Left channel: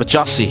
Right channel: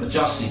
85,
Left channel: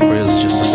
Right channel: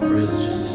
Praise Jesus.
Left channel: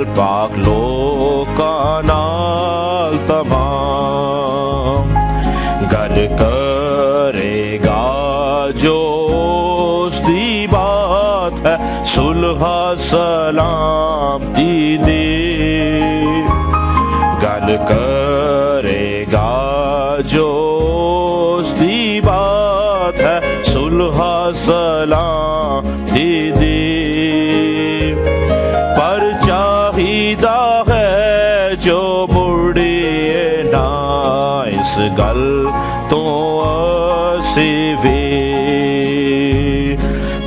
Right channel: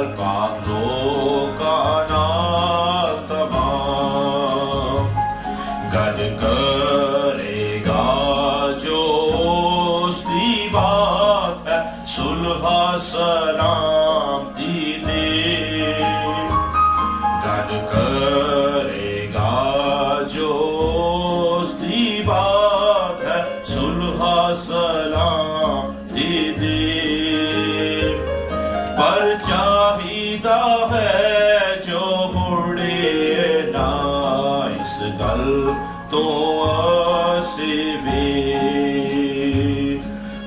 ਨਾਲ ਪਾਕ ਲੋਕਾਂ ਨਾਲ ਤਮਾਮ ਗੱਲ ਕਰੇਗਾ ਜੋ ਉਸ ਦੀ ਬਾਤ ਹੈ ਸੁਲਹ ਸਲਾਮਤੀ ਦੀ ਗੱਲ ਕਰੇਗਾ ਜੋ ਉਸ ਦੀ ਬਾਤ ਹੈ ਸੁਲਹ ਸਲਾਮਤੀ ਦੀ ਪਰ ਚਾਹੀਦਾ ਹੈ ਜੋ ਮੁੜੀਏ ਨਾ ਇਸ ਗੱਲ ਤੋਂ ਅਸੀਂ ਵੀ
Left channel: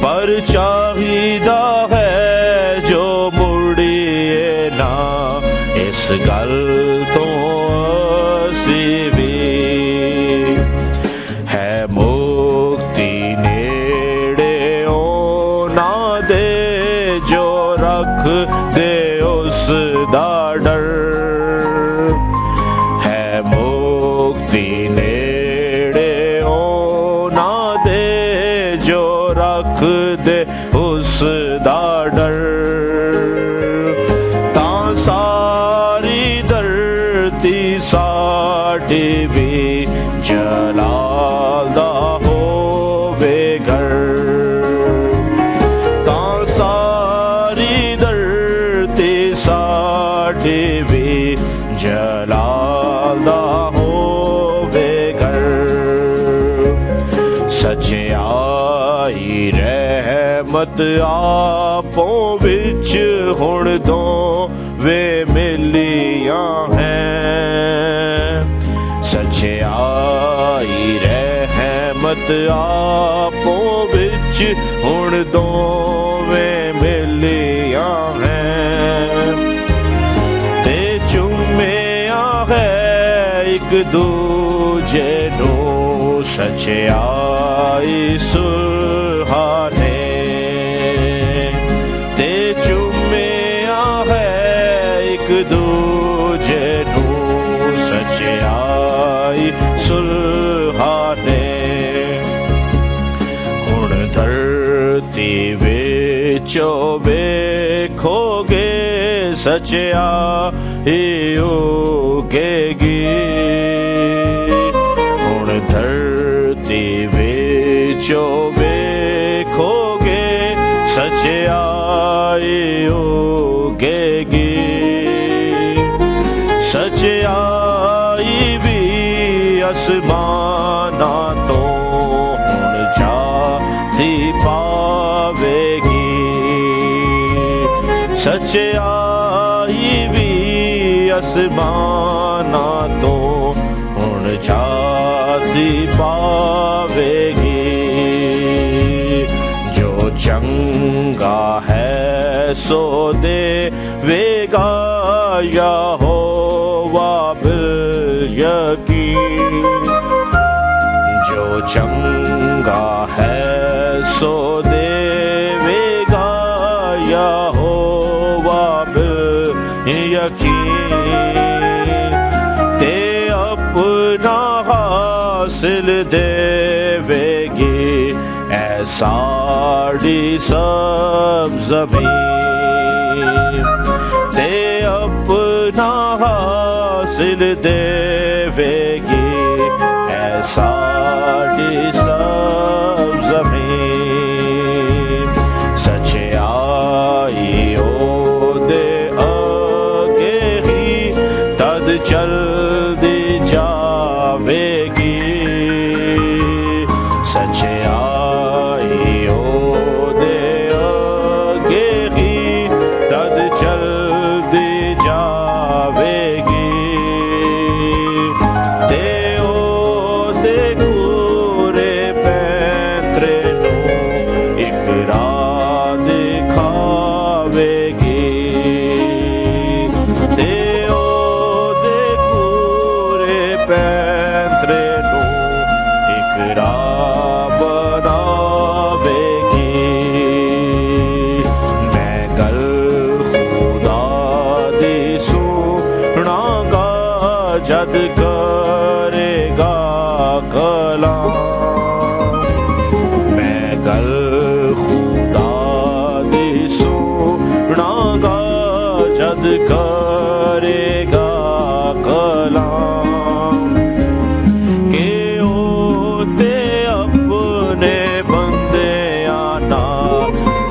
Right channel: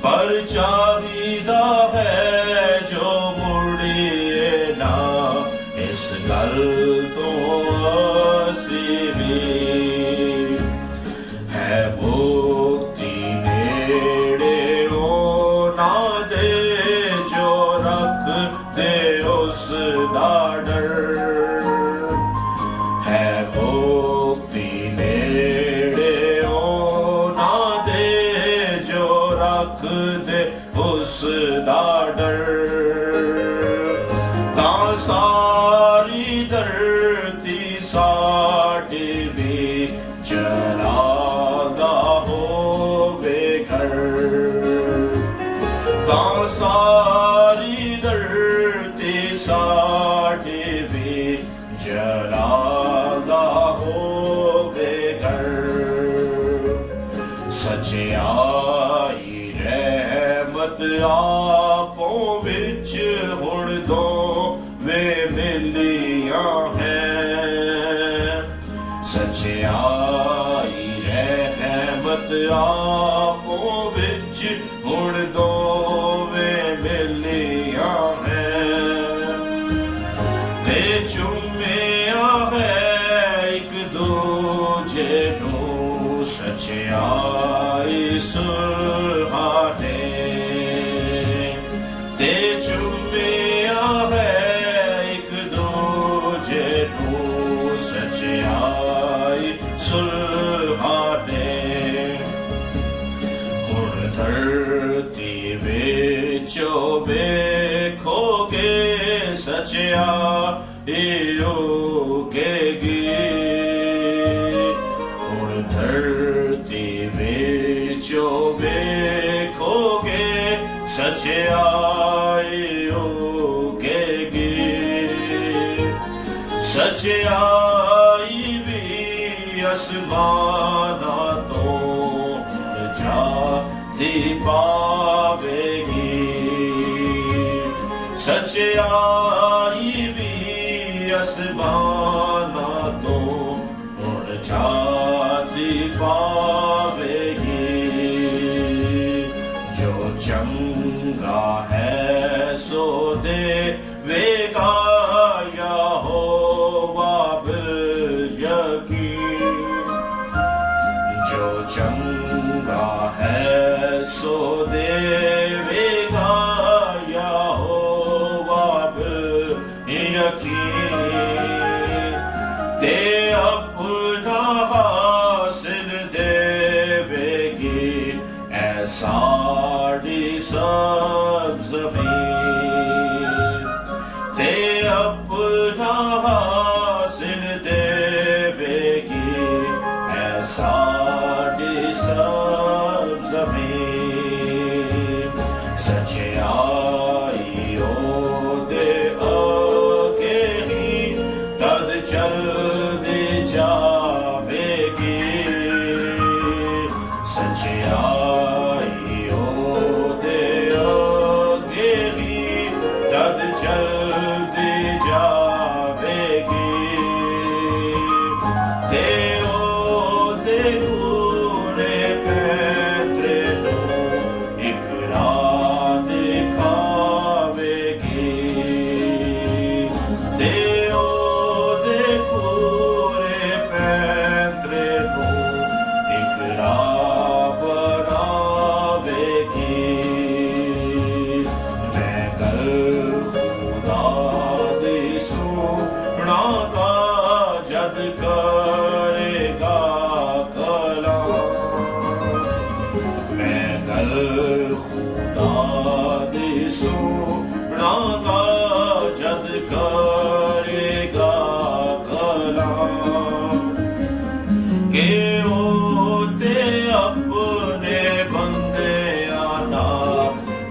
ਪਰ ਚਾਹੀਦਾ ਹੈ ਜੋ ਮੁੜੀਏ ਨਾ ਇਸ ਗੱਲ ਤੋਂ ਅਸੀਂ ਵੀ ਹੈ ਮੁਕਤੀ ਨੇੜੇ ਉਹਨਾਂ ਦੇ ਜੋ ਰੱਖਦੇ ਉਸ ਦਾ ਡਰ ਹੈ ਮੁਕਤੀ ਨੇੜੇ ਉਹਨਾਂ ਦੇ ਜੋ ਰੱਖਦੇ ਉਸ ਦਾ ਡਰ ਤਾਂ ਸਾਰੀ ਧਰਤੀ ਸਾਡੀ ਵੀ ਜਲਾਲ ਦਾ ਹੋਵੇ ਘਰ ਤਾਂ ਸਾਰੀ ਧਰਤੀ ਸਾਡੀ ਵੀ ਜਲਾਲ ਦਾ ਹੋਵੇ ਘਰ ਸੱਚਾਈ ਰਹਿਮਤ ਆਪੋਂ ਵਿੱਚ ਹੁਣ ਦੋਵੇਂ ਮਿਲੀਆਂ ਹੈ ਸੱਚਾਈ ਰਹਿਮਤ ਆਪੋਂ ਵਿੱਚ ਹੁਣ ਦੋਵੇਂ ਮਿਲੀਆਂ ਹੈ ਤੇ ਚੁੰਮਿਆ ਹੈ ਇੱਕ ਦੂਜੇ ਨੂੰ ਸੱਚਾਈ ਸੁਲ੍ਹਾਂ ਨੇ ਤੇ ਚੁੰਮਿਆ ਹੈ ਇੱਕ ਦੂਜੇ ਨੂੰ ਸੱਚਾਈ ਸੁਲ੍ਹਾਂ ਨੇ ਹੁਣ ਧਰਤੀ ਵਿੱਚੋਂ ਵੇਖੋਗੇ ਸੱਚਾਈ ਉਗੇਗੀ ਹੁਣ ਧਰਤੀ ਵਿੱਚੋਂ ਵੇਖੋਗੇ ਸੱਚਾਈ ਉਗੇਗੀ ਸੱਚਾਈ ਵੀ ਅਸਮਾਨਾਂ ਤੋਂ ਹੁਣ ਜਾਤੀ ਪਾਵੇਗੀ ਸੱਚਾਈ ਵੀ ਅਸਮਾਨਾਂ ਤੋਂ ਹੁਣ ਜਾਤੀ ਪਾਵੇਗੀ ਜੋ ਚੰਗਾ ਹੈ ਸੋ ਦੇਵੇਗਾ ਯਹੋਵਾ ਬਿਲ ਯਕੀਨ ਜੋ ਚੰਗਾ ਹੈ ਸੋ ਦੇਵੇਗਾ ਯਹੋਵਾ ਬਿਲ ਯਕੀਨ ਤੇ ਆਪਣਾ ਹਾਸਿਲ ਦੇਵੇਗੀ ਐ ਸਾਡੀ ਸਭ ਜ਼ਮੀਨ ਤੇ ਆਪਣਾ ਹਾਸਿਲ ਦੇਵੇਗੀ ਐ ਸਾਡੀ ਸਭ ਜ਼ਮੀਨ ਸੱਚਾਈ ਉਹਦੇ ਅੱਗੇ ਹੀ ਤਦ ਚਲਦੀ ਜਾਵੇਗੀ ਸੱਚਾਈ ਉਹਦੇ ਅੱਗੇ ਹੀ ਤਦ ਚਲਦੀ ਜਾਵੇਗੀ ਤੇ ਉਹਦੇ ਗੋਰੇ ਪੈਂਤਰੇ ਨੂੰ ਇੱਕ ਰਾਹ ਦਿਖਾਵੇਗੀ ਤੇ ਉਹਦੇ ਗੋਰੇ ਪੈਂਤਰੇ ਨੂੰ ਇੱਕ ਰਾਹ ਬਣਾਵੇਗੀ ਮੈਂ ਗੱਲ ਖੁਦਾ ਦੀ ਸੁਣਾਂਗਾ ਜਦ ਕਰੇਗਾ ਕਲਾਮ ਮੈਂ ਗੱਲ ਖੁਦਾ ਦੀ ਸੁਣਾਂਗਾ ਜਦ کرے گا کلام کہ ہوتے اپنے بندے آنا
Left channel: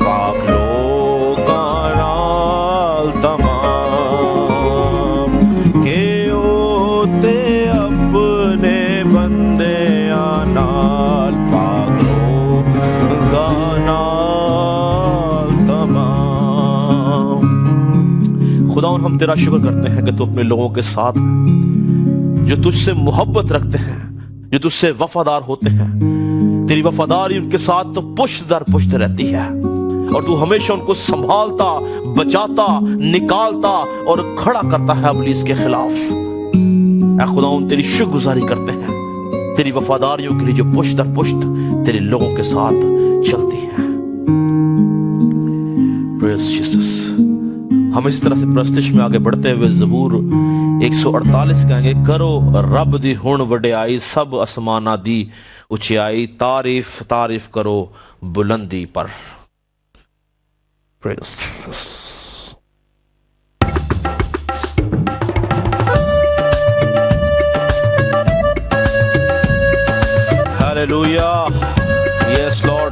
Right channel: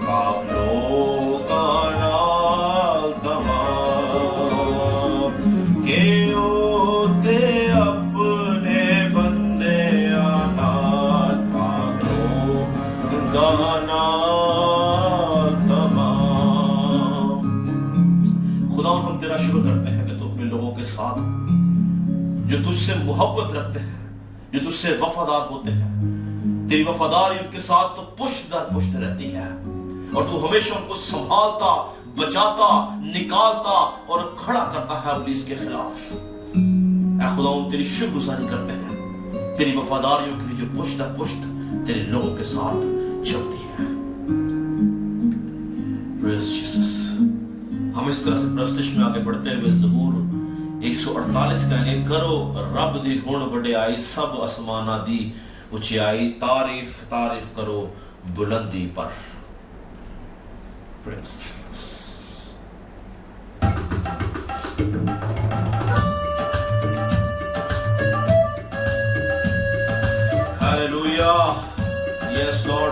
پاک لوگاں نال تمام کہ ہوتے اپنے بندے آنا پاک لوگاں نال تمام۔ خدا ہم تیرا شکر کرتے ہیں کہ تو اپنے لوگوں کے ساتھ جو تجھ سے محبت رکھتے ہیں، جو تجھ سے وفادار ہوتے ہیں، تیری وفاداری ان کے ساتھ تو پشت در پشت رہتی ہے اور تو ہمیشہ ان کو سنبھالتا، بچاتا، نکالتا اور کھڑا کرتا ہے ابلیس کے خلاف۔ اے خدا ہم تیری شکر گزاری کرتے ہیں تیری وفاداریوں کے لیے جو پشت در پشت تیرے لوگوں کے ساتھ چلتی ہے۔ پریز جیسس۔ ہم اس طرح سے پرستش میں آگے بڑھتے ہوئے زبور 148 کہیں گے، کرو رب دی ہن وڈیائی، سب آسماناں دی اچھائی، تعریف تعریف کرو بلندی پر۔ Praise Jesus. Hallelujah. Yes, Lord.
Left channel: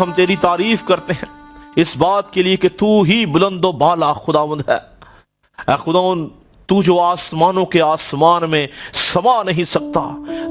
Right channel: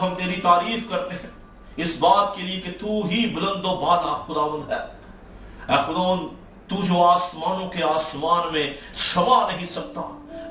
ہم تیری تعریف کرتے ہیں اس بات کے لیے کہ تو ہی بلند و بالا خداوند ہے۔ اے خداوند تو جو آسمانوں کے آسمان میں سما نہیں سکتا،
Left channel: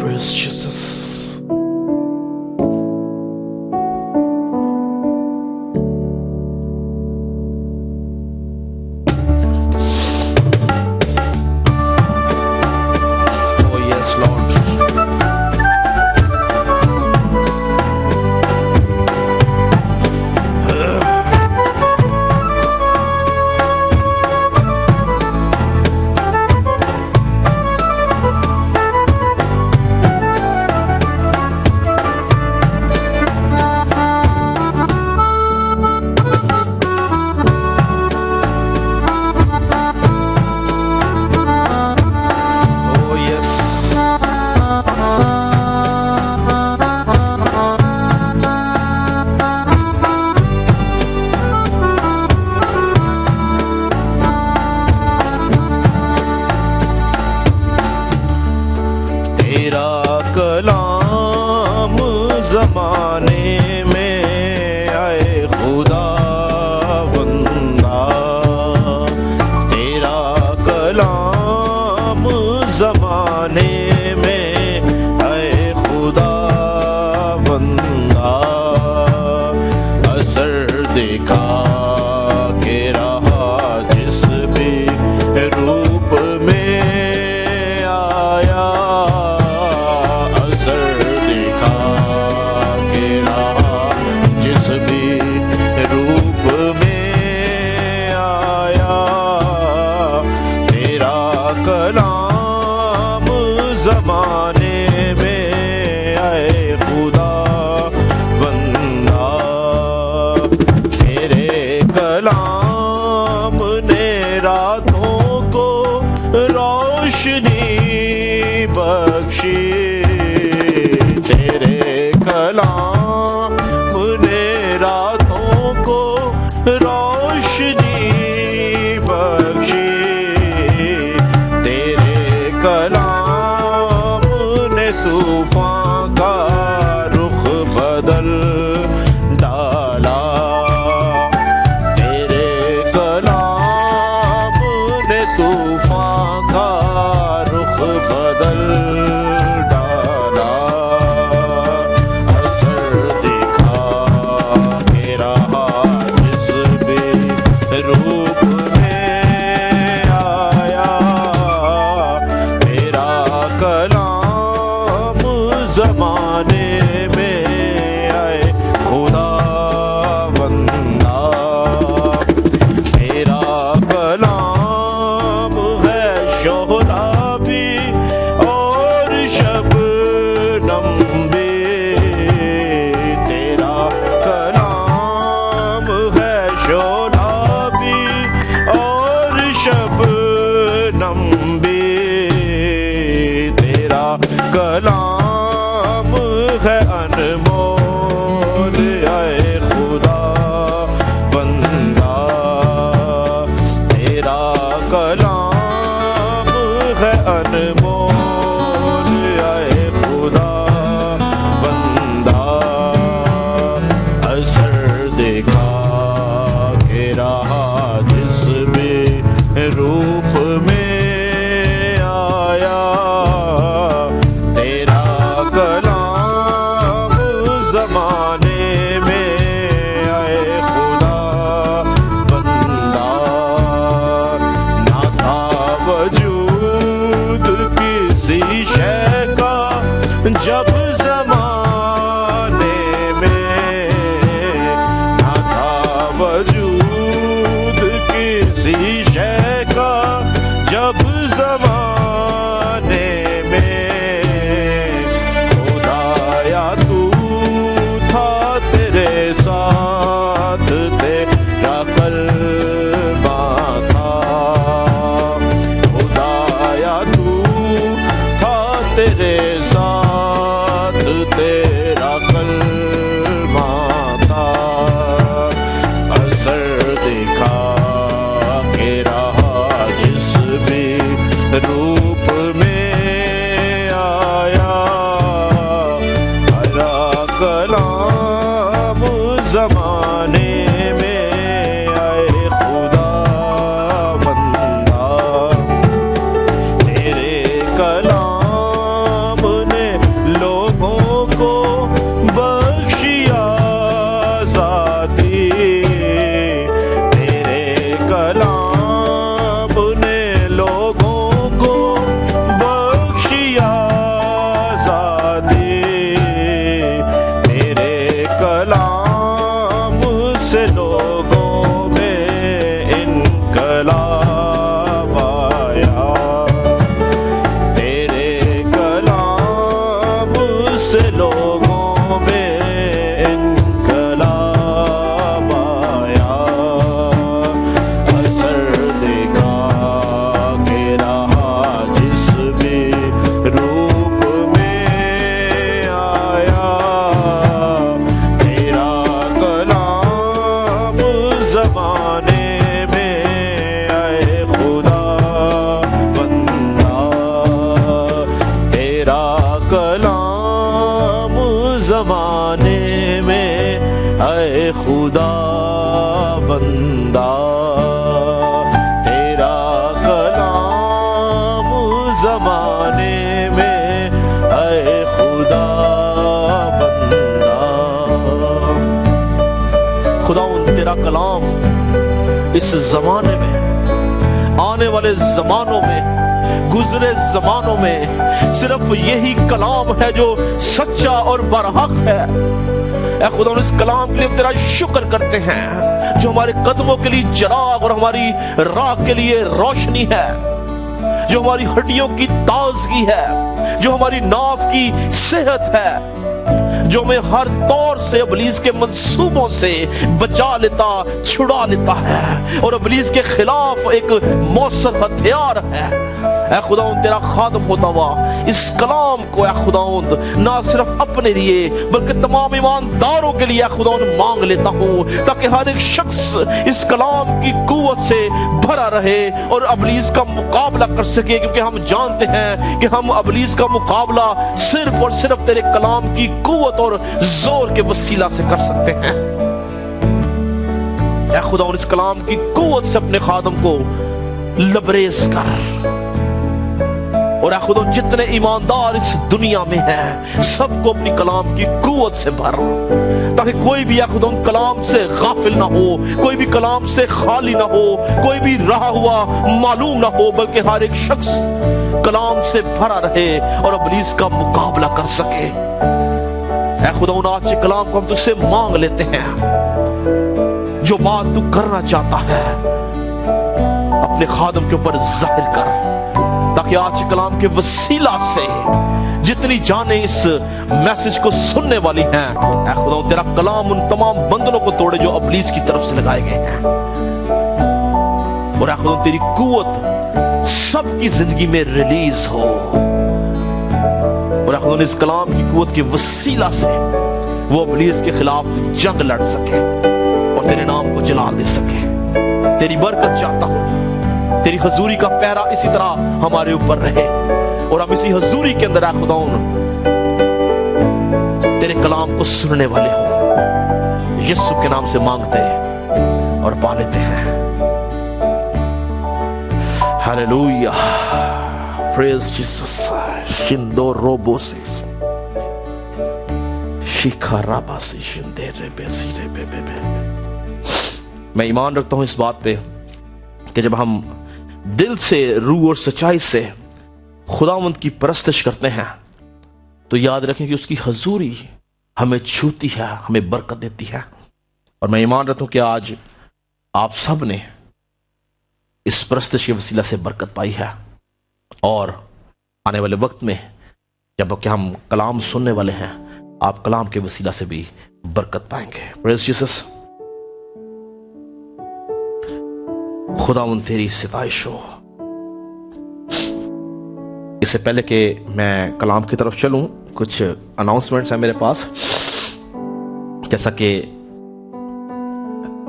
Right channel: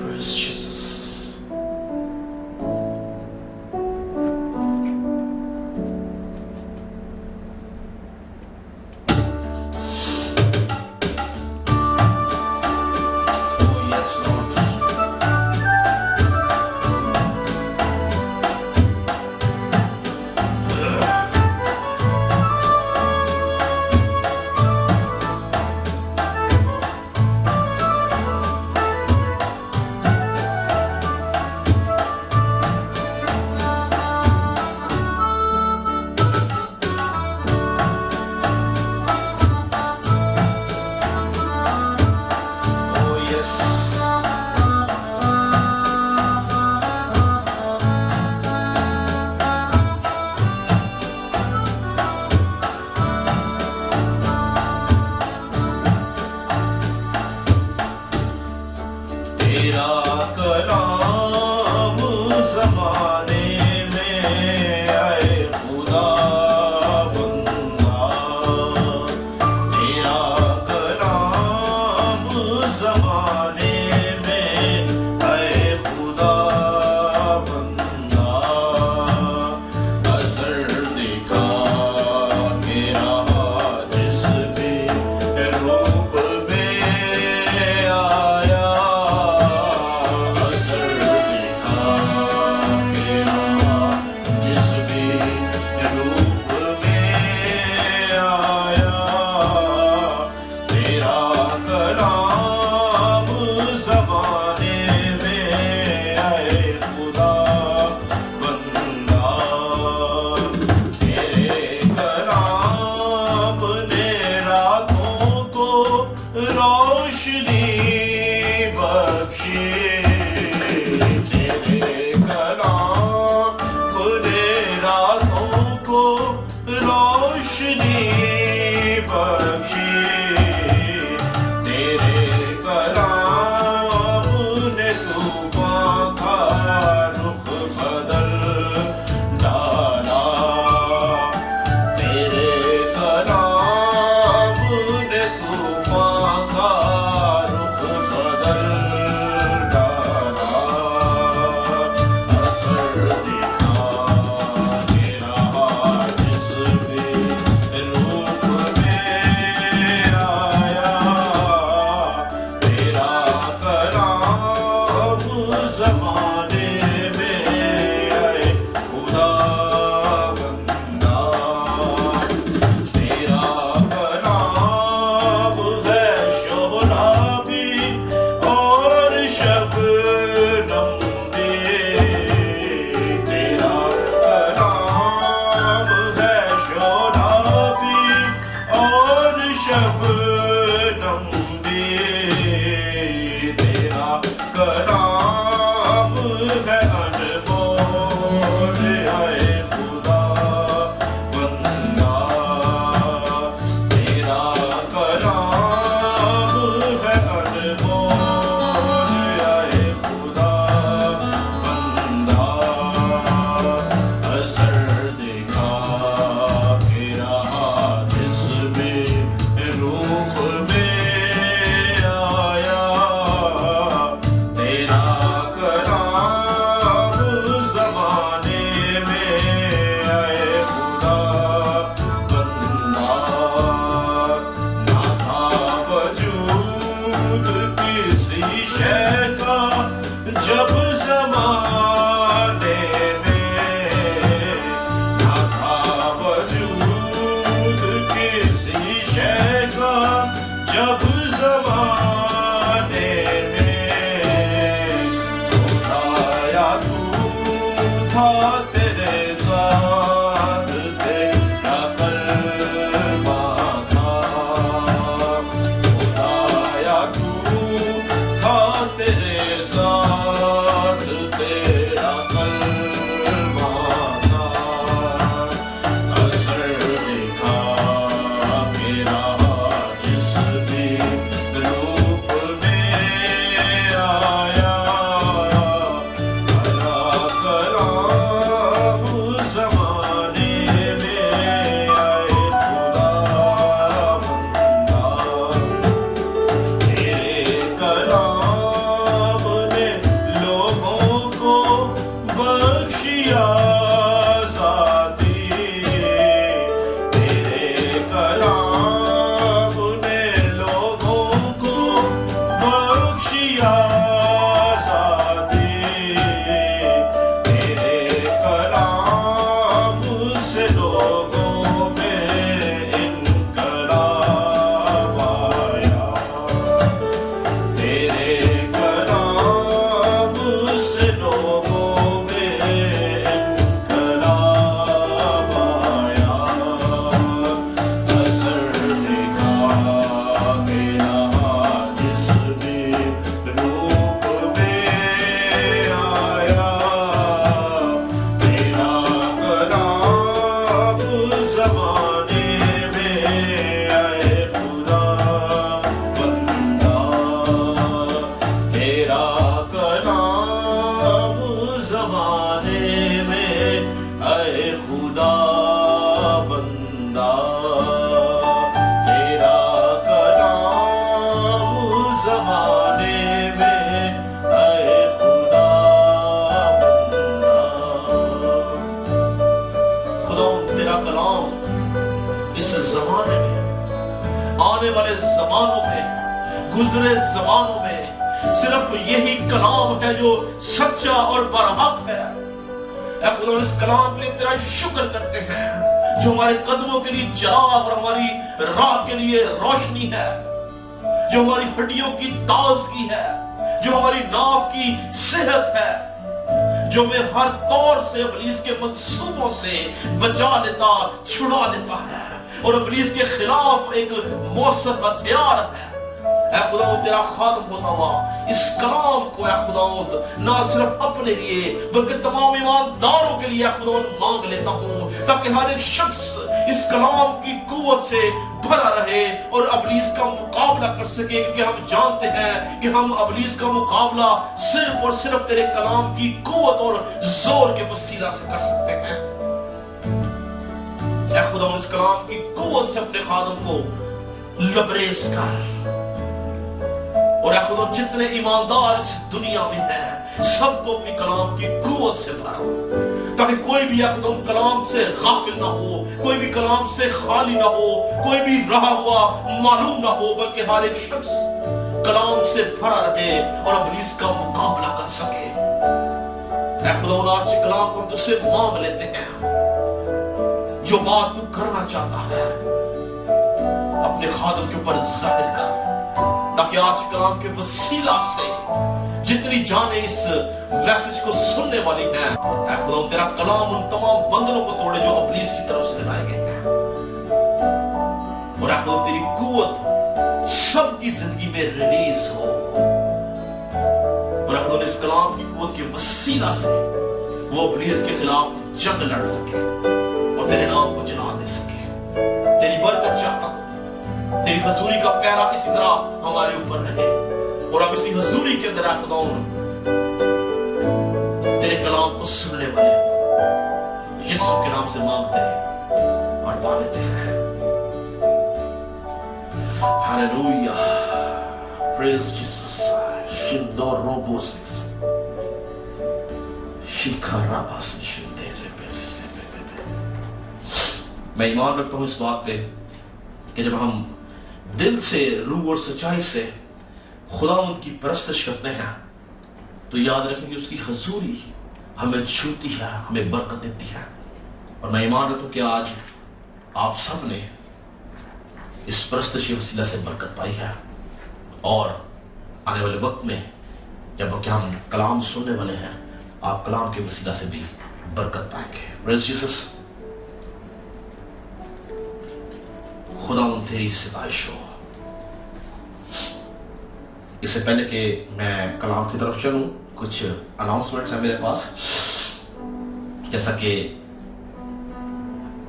Praise Jesus. Oh yes, Lord. بدل ڈالا تیرے کلام نے طوفان کا رخ بدل ڈالا اثر دکھا کے رہا جس بھی روپ میں آیا تیرا کلام زمانے میں آئے خدا بندہ تیرا کلام ہے شعلہ بھی اور شبنم بھی تیرا کلام ہے شعلہ بھی اور شبنم بھی تیرا کلام ہے انمول اے خدا بندہ تیرا کلام ہے انمول اے خدا بندہ اثر دیکھا کہ رہا جس بھی روپ میں آیا تیرا کلام زمانے میں آئے خدا بندہ نہ تھا وجود کسی شے کا جب زمانے میں نہ تھا وجود کسی شے کا جب زمانے میں خدایا تو تھا تیرے ساتھ تیرا کلمہ تھا خدایا تو تھا تیرے ساتھ تیرا کلمہ تھا اثر دکھا کے رہا جس بھی روپ میں آیا تیرا کلام زمانے میں آئے خدا بندہ تیرے کلام نے لوگوں کو بخشی آزادی تیرے کلام نے لوگوں کو بخشی آزادی تیرے کلام سے لوگوں میں انقلاب آیا تیرے کلام سے لوگوں میں انقلاب آیا اثر دکھا کے رہا جس بھی روپ میں آیا تیرا کلام زمانے میں آئے خدا بندہ تیرا کلام زمانے میں آئے خدا بندہ تیرا کلام زمانے میں آئے خدا بندہ خداوند تیرا کلام اس زمانے میں آنے والے زمانوں میں گزرے زمانوں میں صرف یہی کلام ہے جو سچا اور برحق ہے اے خدا ہم اس کلام کے لیے تیرا شکر کرتے ہیں جو ہمارے قدموں کے لیے چراغ اور ہماری راہ کے لیے روشنی ہے جو ہماری ہڈیوں کی تازگی ہے جو ہماری ناف کی صحت ہے جو ہمیں ہر طور سے ابلیس کے منصوبوں سے بچا لیتا چھڑا لیتا ہے اور ابلیس کے خلاف ایک مؤثر ہتھیار ہے اے خداوند تیرا خادم ہوتا ہوا اس کلام کو اے خداوند نہ صرف اپنے لیے بلکہ تمام ایمانداروں کے لیے اے خداوند مانگ لیتا ہوں، تاکہ ہر ایک شخص اس کلام کی قوت سے بھرا رہے اور ابلیس کا مقابلہ کر سکے، کیونکہ ہم جانتے ہیں کہ ہم ابلیس کا مقابلہ صرف اور صرف تیرے کلام کی قوت اور زور کے وسیلہ سے کر سکتے ہیں۔ اے خداوند اس کلام کی قوت سے اپنے خادم کو لبریز کر، اور اے خدا جتنے ایماندار اس دنیا میں ہیں سب کو اپنی کلام کی قوت سے بھر، تاکہ کوئی بھی اے خدا کلام سے غافل نہ ہو، کوئی بھی کلام سے خالی نہ ہو، کوئی بھی رہا ہوا معلوم نہ ہو، بلکہ ہر ایک شخص کلام سے بھرا رہے اور ابلیس کا مقابلہ کر سکے۔ اے خدا آج کے کلام کو ہم تجھ سے مانگ لیتے ہیں، جو بات تو کرنا چاہتا ہے اپنے خادم کے اوپر ظاہر کر، تاکہ آج کلام کے وسیلہ سے جتنی جانیں اس میسج کو سننے والی ہیں، اے خدا تیرا کلام ان تمام بندنوں کو توڑے جو ابلیس کی طرف سے لگائے گئے ہیں، اور اے خدا تیری قوت سب کی زندگی میں ریلیز ہو، اور اے خدا اس کلام کی قوت کے وسیلہ سے وہ ابلیس کے خلاف جنگ لڑ سکے اور تیرے نام کو جلال دے سکے۔ تیری برکت چاہتا ہوں، تیری حضوری کا پہرا اسی طرح ہمارے اوپر رہے، اور ہم اسی حضوری کے اندر اے خداوند تیرے کلام کو سننے والے ہوں۔ یسوع کے نام سے مانگتے اور پا لیتے ہیں، ہاللویہ، پریز جیسس۔ شندو روبو سے شیکھا رابا سے شندے رے بے سی رے بے بے بے۔ میں ایمان رکھتا ہوں اس بات پہ کہ جب ہم دل سے، روح اور سچائی سے خداوند کی پرستش کرتے ہیں تو یاد رکھیں کہ اس کی حضوری ہمیں چھوتی ہے، ہمیں برکت دیتی ہے، اور میں ایمان رکھتا ہوں کہ آج آپ سب نے اس پرستش کے وسیلہ سے برکت پائی ہے، اور آنے والے وقت میں جب کہ ہم کلام سننے والے ہیں آپ کلام کے وسیلہ سے بھی برکت پائیں گے۔ پریز جیسس۔ خداوند تیری ستائش ہو۔ اس سے پہلے کہ میں کلام کی طرف چلوں، کچھ اناؤنسمنٹس ہیں میرے پاس۔ جیسا کہ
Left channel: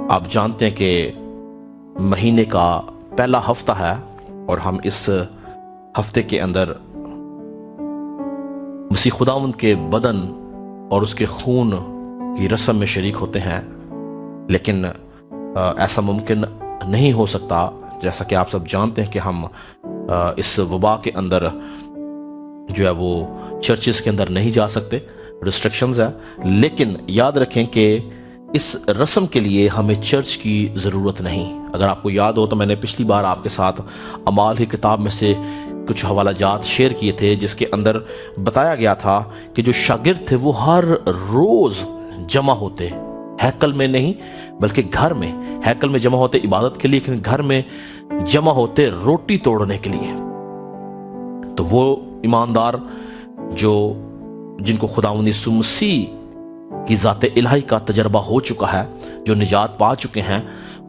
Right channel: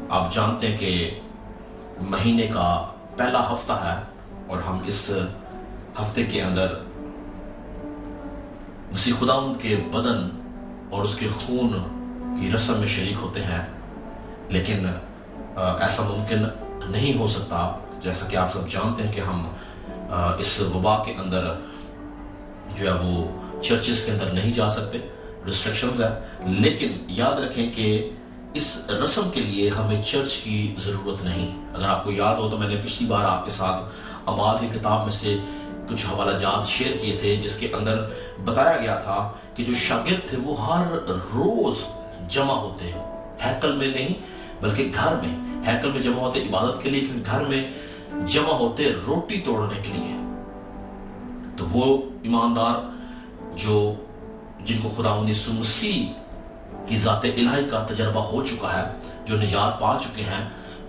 آپ جانتے ہیں کہ مہینے کا پہلا ہفتہ ہے، اور ہم اس ہفتے کے اندر مسیح خداوند کے بدن اور اس کے خون کی رسم میں شریک ہوتے ہیں، لیکن ایسا ممکن نہیں ہو سکتا، جیسا کہ آپ سب جانتے ہیں کہ ہم اس وبا کے اندر جو ہے وہ چرچز کے اندر نہیں جا سکتے، ریسٹرکشنز ہیں، لیکن یاد رکھیں کہ اس رسم کے لیے ہمیں چرچ کی ضرورت نہیں۔ اگر آپ کو یاد ہو تو میں نے پچھلی بار آپ کے ساتھ اعمال کی کتاب میں سے کچھ حوالہ جات شیئر کیے تھے، جس کے اندر بتایا گیا تھا کہ جو شاگرد تھے وہ ہر روز جمع ہوتے، ہیکل میں نہیں بلکہ گھر میں، ہیکل میں جمع ہوتے عبادت کے لیے، لیکن گھر میں جمع ہوتے روٹی توڑنے کے لیے۔ تو وہ ایماندار جن کو خداوند یسوع مسیح کی ذات الہی کا تجربہ ہو چکا ہے، جو نجات پا چکے ہیں،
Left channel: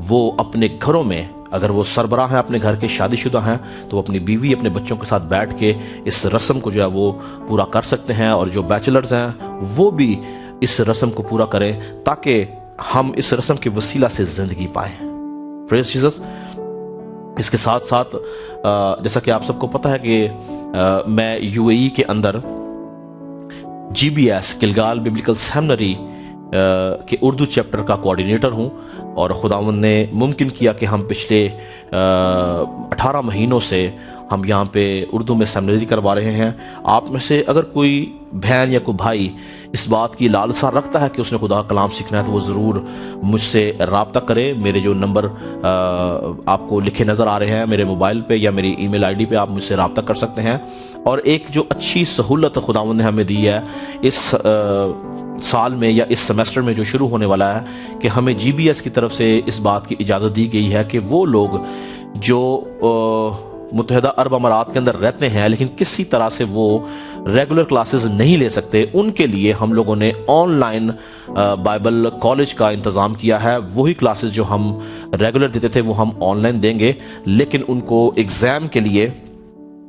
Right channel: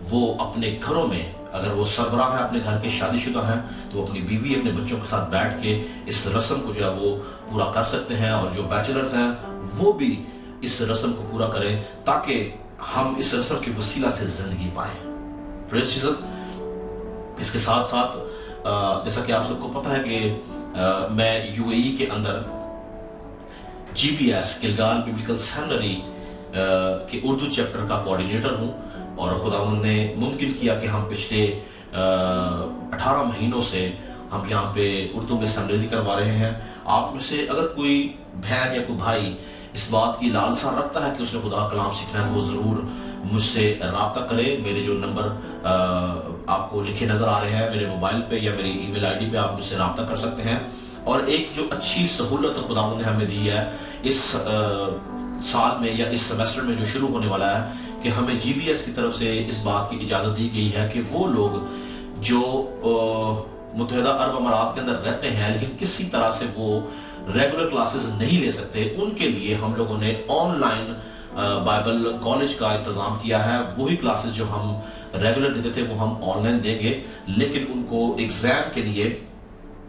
وہ اپنے گھروں میں، اگر وہ سربراہ ہیں اپنے گھر کے، شادی شدہ ہیں، تو وہ اپنی بیوی اپنے بچوں کے ساتھ بیٹھ کے اس رسم کو جو ہے وہ پورا کر سکتے ہیں، اور جو بیچلرز ہیں وہ بھی اس رسم کو پورا کریں، تاکہ ہم اس رسم کے وسیلہ سے زندگی پائیں۔ پریز جیسس۔ اس کے ساتھ ساتھ جیسا کہ آپ سب کو پتہ ہے کہ میں یو اے ای کے اندر G B S Gilgal Biblical Seminary کے اردو چیپٹر کا کوارڈینیٹر ہوں، اور خداوند نے ممکن کیا کہ ہم پچھلے 18 مہینوں سے ہم یہاں پہ اردو میں سیمنری کروا رہے ہیں۔ آپ میں سے اگر کوئی بہن یا کوئی بھائی اس بات کی لالسا رکھتا ہے کہ اس نے خدا کلام سیکھنا ہے، تو وہ ضرور مجھ سے رابطہ کرے۔ میرے جو نمبر آپ کو لکھے نظر آ رہے ہیں میرے موبائل پہ یا میری ای میل آئی ڈی پہ، آپ مجھ سے رابطہ کر سکتے ہیں۔ اور ایک جو اچھی سہولت خداوند نے ہمیں دی ہے اس سال میں یا اس سیمسٹر میں جو شروع ہونے والا ہے، کہ ہمیں جی بی ایس کی طرف سے اس بات کی اجازت دی گئی ہے کہ وہ لوگ جو متحدہ عرب امارات کے اندر رہتے ہیں لیکن کسی طرح سے وہ ریگولر کلاسز نہیں لے سکتے، ان کے لیے ہم لوگوں نے آن لائن بائبل کالج کا انتظام کیا ہے۔ وہی کلاسز جو ہم ریگولر دیتے تھے وہ ہم آن لائن دیں گے، لیکن ان کو ایگزام کے لیے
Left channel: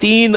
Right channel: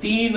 3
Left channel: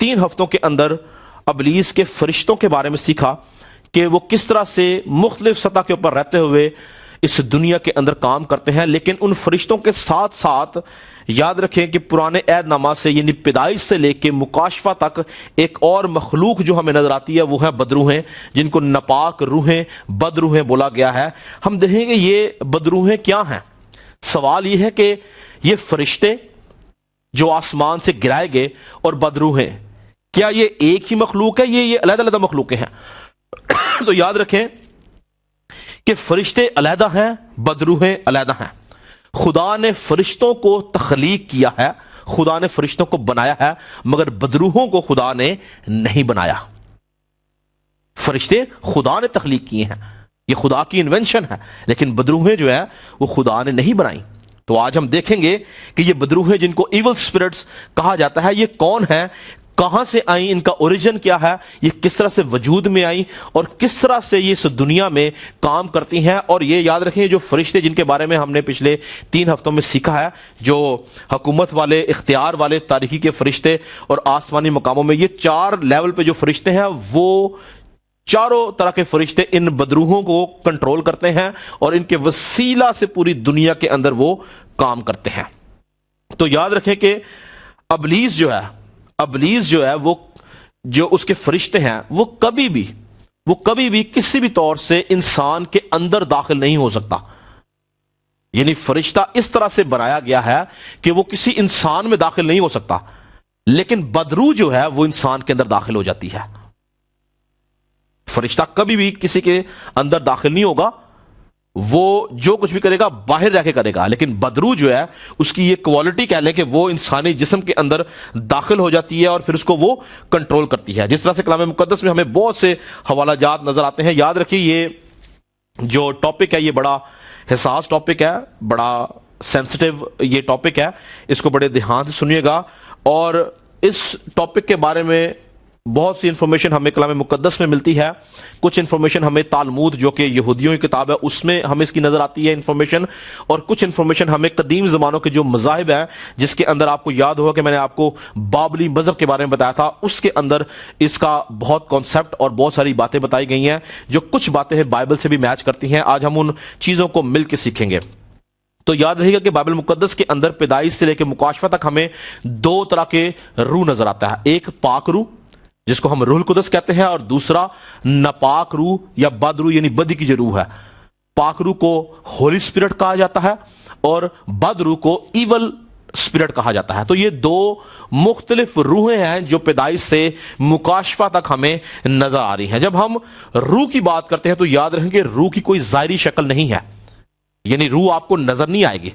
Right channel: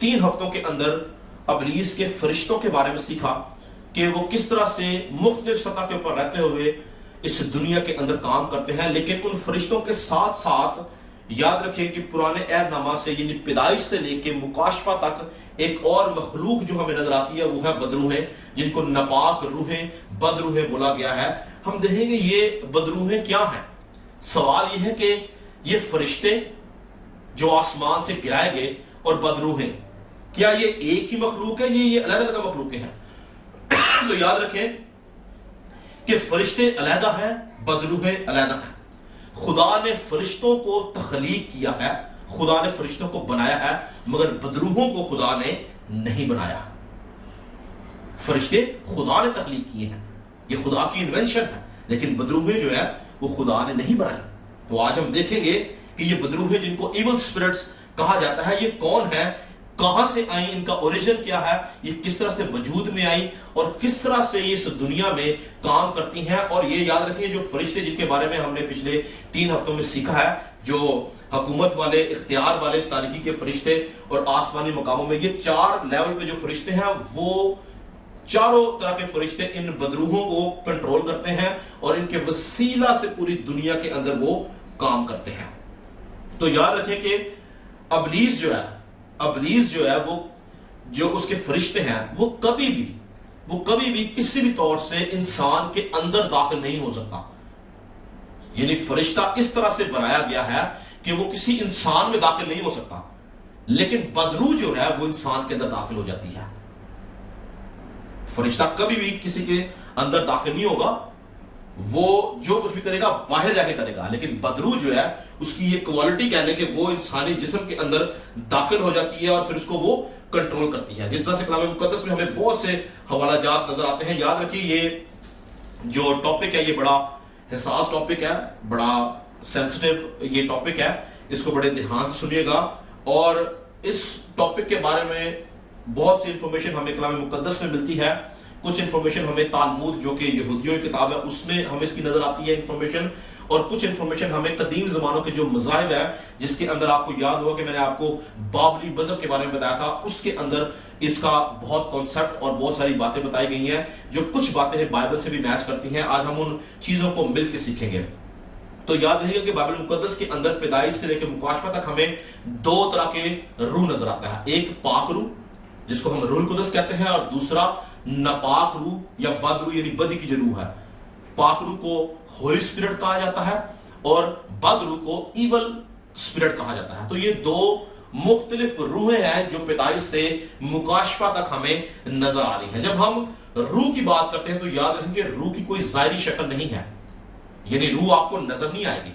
3 ہفتوں کے اندر ابلیس کے فرشتوں کے بارے میں سیکھا کہ وہ کس طرح سے مختلف سطح کے اوپر رہتے ہوئے اس دنیا کے اندر کام کرتے ہیں، لیکن ان فرشتوں کے ساتھ ساتھ یاد رکھیں کہ پرانے عہد نامہ سے یعنی پیدائش سے لے کے مکاشفہ تک ایک اور مخلوق جو ہمیں نظر آتی ہے وہ ہے بدروہیں، جن کو ناپاک روحیں، بدروہیں بولا گیا ہے۔ ہم دیکھیں گے یہ بدروہیں کیا ہیں۔ سوال یہ ہے کہ یہ فرشتے جو آسمان سے گرائے گئے اور بدروہیں، کیا یہ ایک ہی مخلوق ہے، یہ علیحدہ علیحدہ مخلوقیں ہیں؟ تو یاد رکھیں کہ فرشتے علیحدہ ہیں، بدروہیں علیحدہ ہیں۔ خدا نے فرشتوں کو تخلیق کیا ہے، خدا نے فرشتوں کو بنایا ہے، مگر بدروحوں کو خدا نے نہیں بنایا۔ فرشتے خدا نے تخلیق کیے ہیں، یہ خدا کی انوینشن ہے، لیکن بدروحیں جو ہے وہ خدا نے نہیں بنائی۔ تو آج ہم دیکھیں گے کہ یہ بدروحیں جن کو ایول سپرٹس کہا جاتا ہے یہ کون ہیں، کہاں سے آئیں، ان کا اوریجن کیا ہے، یہ کس طرح سے وجود میں آئیں اور کس طرح سے یہ اس دنیا میں کام کرتی ہیں۔ اور یہ یاد رکھیں جو فرشتے جن کے بارے میں ہم نے پچھلے 3 ہفتوں میں سیکھا ہے، جو حکومت والے، اختیار والے، تاریخی کے فرشتے اور آسمانی مقاموں میں، یہ 4 لیول پہ جو فرشتے ہیں وہ چاروں طرح کے فرشتے ان بدروحوں کو کنٹرول کرتے ہیں اور ان کے وسیلہ سے پوری دنیا کے اندر وہ کام کرتے ہیں۔ تو یاد رکھیں کہ ابلیس جو ہے وہ جو اس کے فرشتے ہیں وہ کبھی بھی کسی بھی طور سے انسان کے اندر داخل نہیں ہو سکتا۔ یعنی فرشتہ اس طرح سے بنایا گیا ہے کہ وہ کسی انسان میں داخل نہیں ہو سکتا، لیکن بدروح جو ہے وہ انسان کے اندر داخل ہو جاتی ہے۔ فرشتہ کبھی بھی کسی کے اندر داخل نہیں ہوگا، وہ جو کچھ بھی کرے گا باہر رہ کے کرے گا، لیکن بدروح جو ہے اس کی یہ کوالٹی کہہ لیں کہ وہ انسانی جسم کے اندر داخل ہو جاتی ہے اور پھر اس کو وہ کنٹرول کرتی ہے۔ جس طرح سے کلام مقدس میں ہمیں بہت سے حوالہ جات نظر آتے ہیں۔ یاد رکھیے یہ جو ٹاپک ہے یہ بڑا حساس ٹاپک ہے، بڑا سینسٹیو یہ ٹاپک ہے، اس کو بڑے دھیان سے سنیے گا۔ اور اس ٹاپک کے بارے میں بہت سی انفارمیشن ہمیں کلام مقدس میں ملتی ہے، کچھ انفارمیشن ہمیں تالمود جو کہ یہودیوں کی کتاب ہے اس میں ہمیں اس کی نظر آتی ہے انفارمیشن، اور کچھ انفارمیشن ہمیں قدیم زمانوں کے جو مذاہب ہیں، جس کے اندر آپ کو یاد ہوگا کہ میں نے آپ کو بابلی مذہب کے بارے میں بتایا تھا، اس کے اندر اس کا بہت کانسیپٹ اور بہت ساری باتیں بتائی گئی ہیں جو کچھ باتیں بائبل سے بھی میچ کرتی ہیں۔ آج ہم ان چیزوں کو مل کے سیکھیں گے۔ تو یاد رہے گا کہ بائبل مقدس کے اندر پیدائش سے لے کے مکاشفہ تک ہمیں 2 طرح کے روح نظر آتا ہے، ایک پاک روح جس کو ہم روح القدس کہتے ہیں، اور دوسرا ناپاک روح یا بد روح یعنی بدی کی جو روح ہے۔ پاک روح کو ہولی اسپرٹ کہا جاتا ہے اور بد روح کو ایول اسپرٹ کہا جاتا ہے۔ تو یہ 2 مختلف روحیں ہیں جو پیدائش سے مکاشفہ تک ہمیں نظر آ رہی ہیں۔ جب ہم روح کی بات کرتے ہیں تو یاد رکھیں کہ روح کی کوئی ظاہری شکل نہیں ہے، یعنی روح آپ کو نظر نہیں آئے گی۔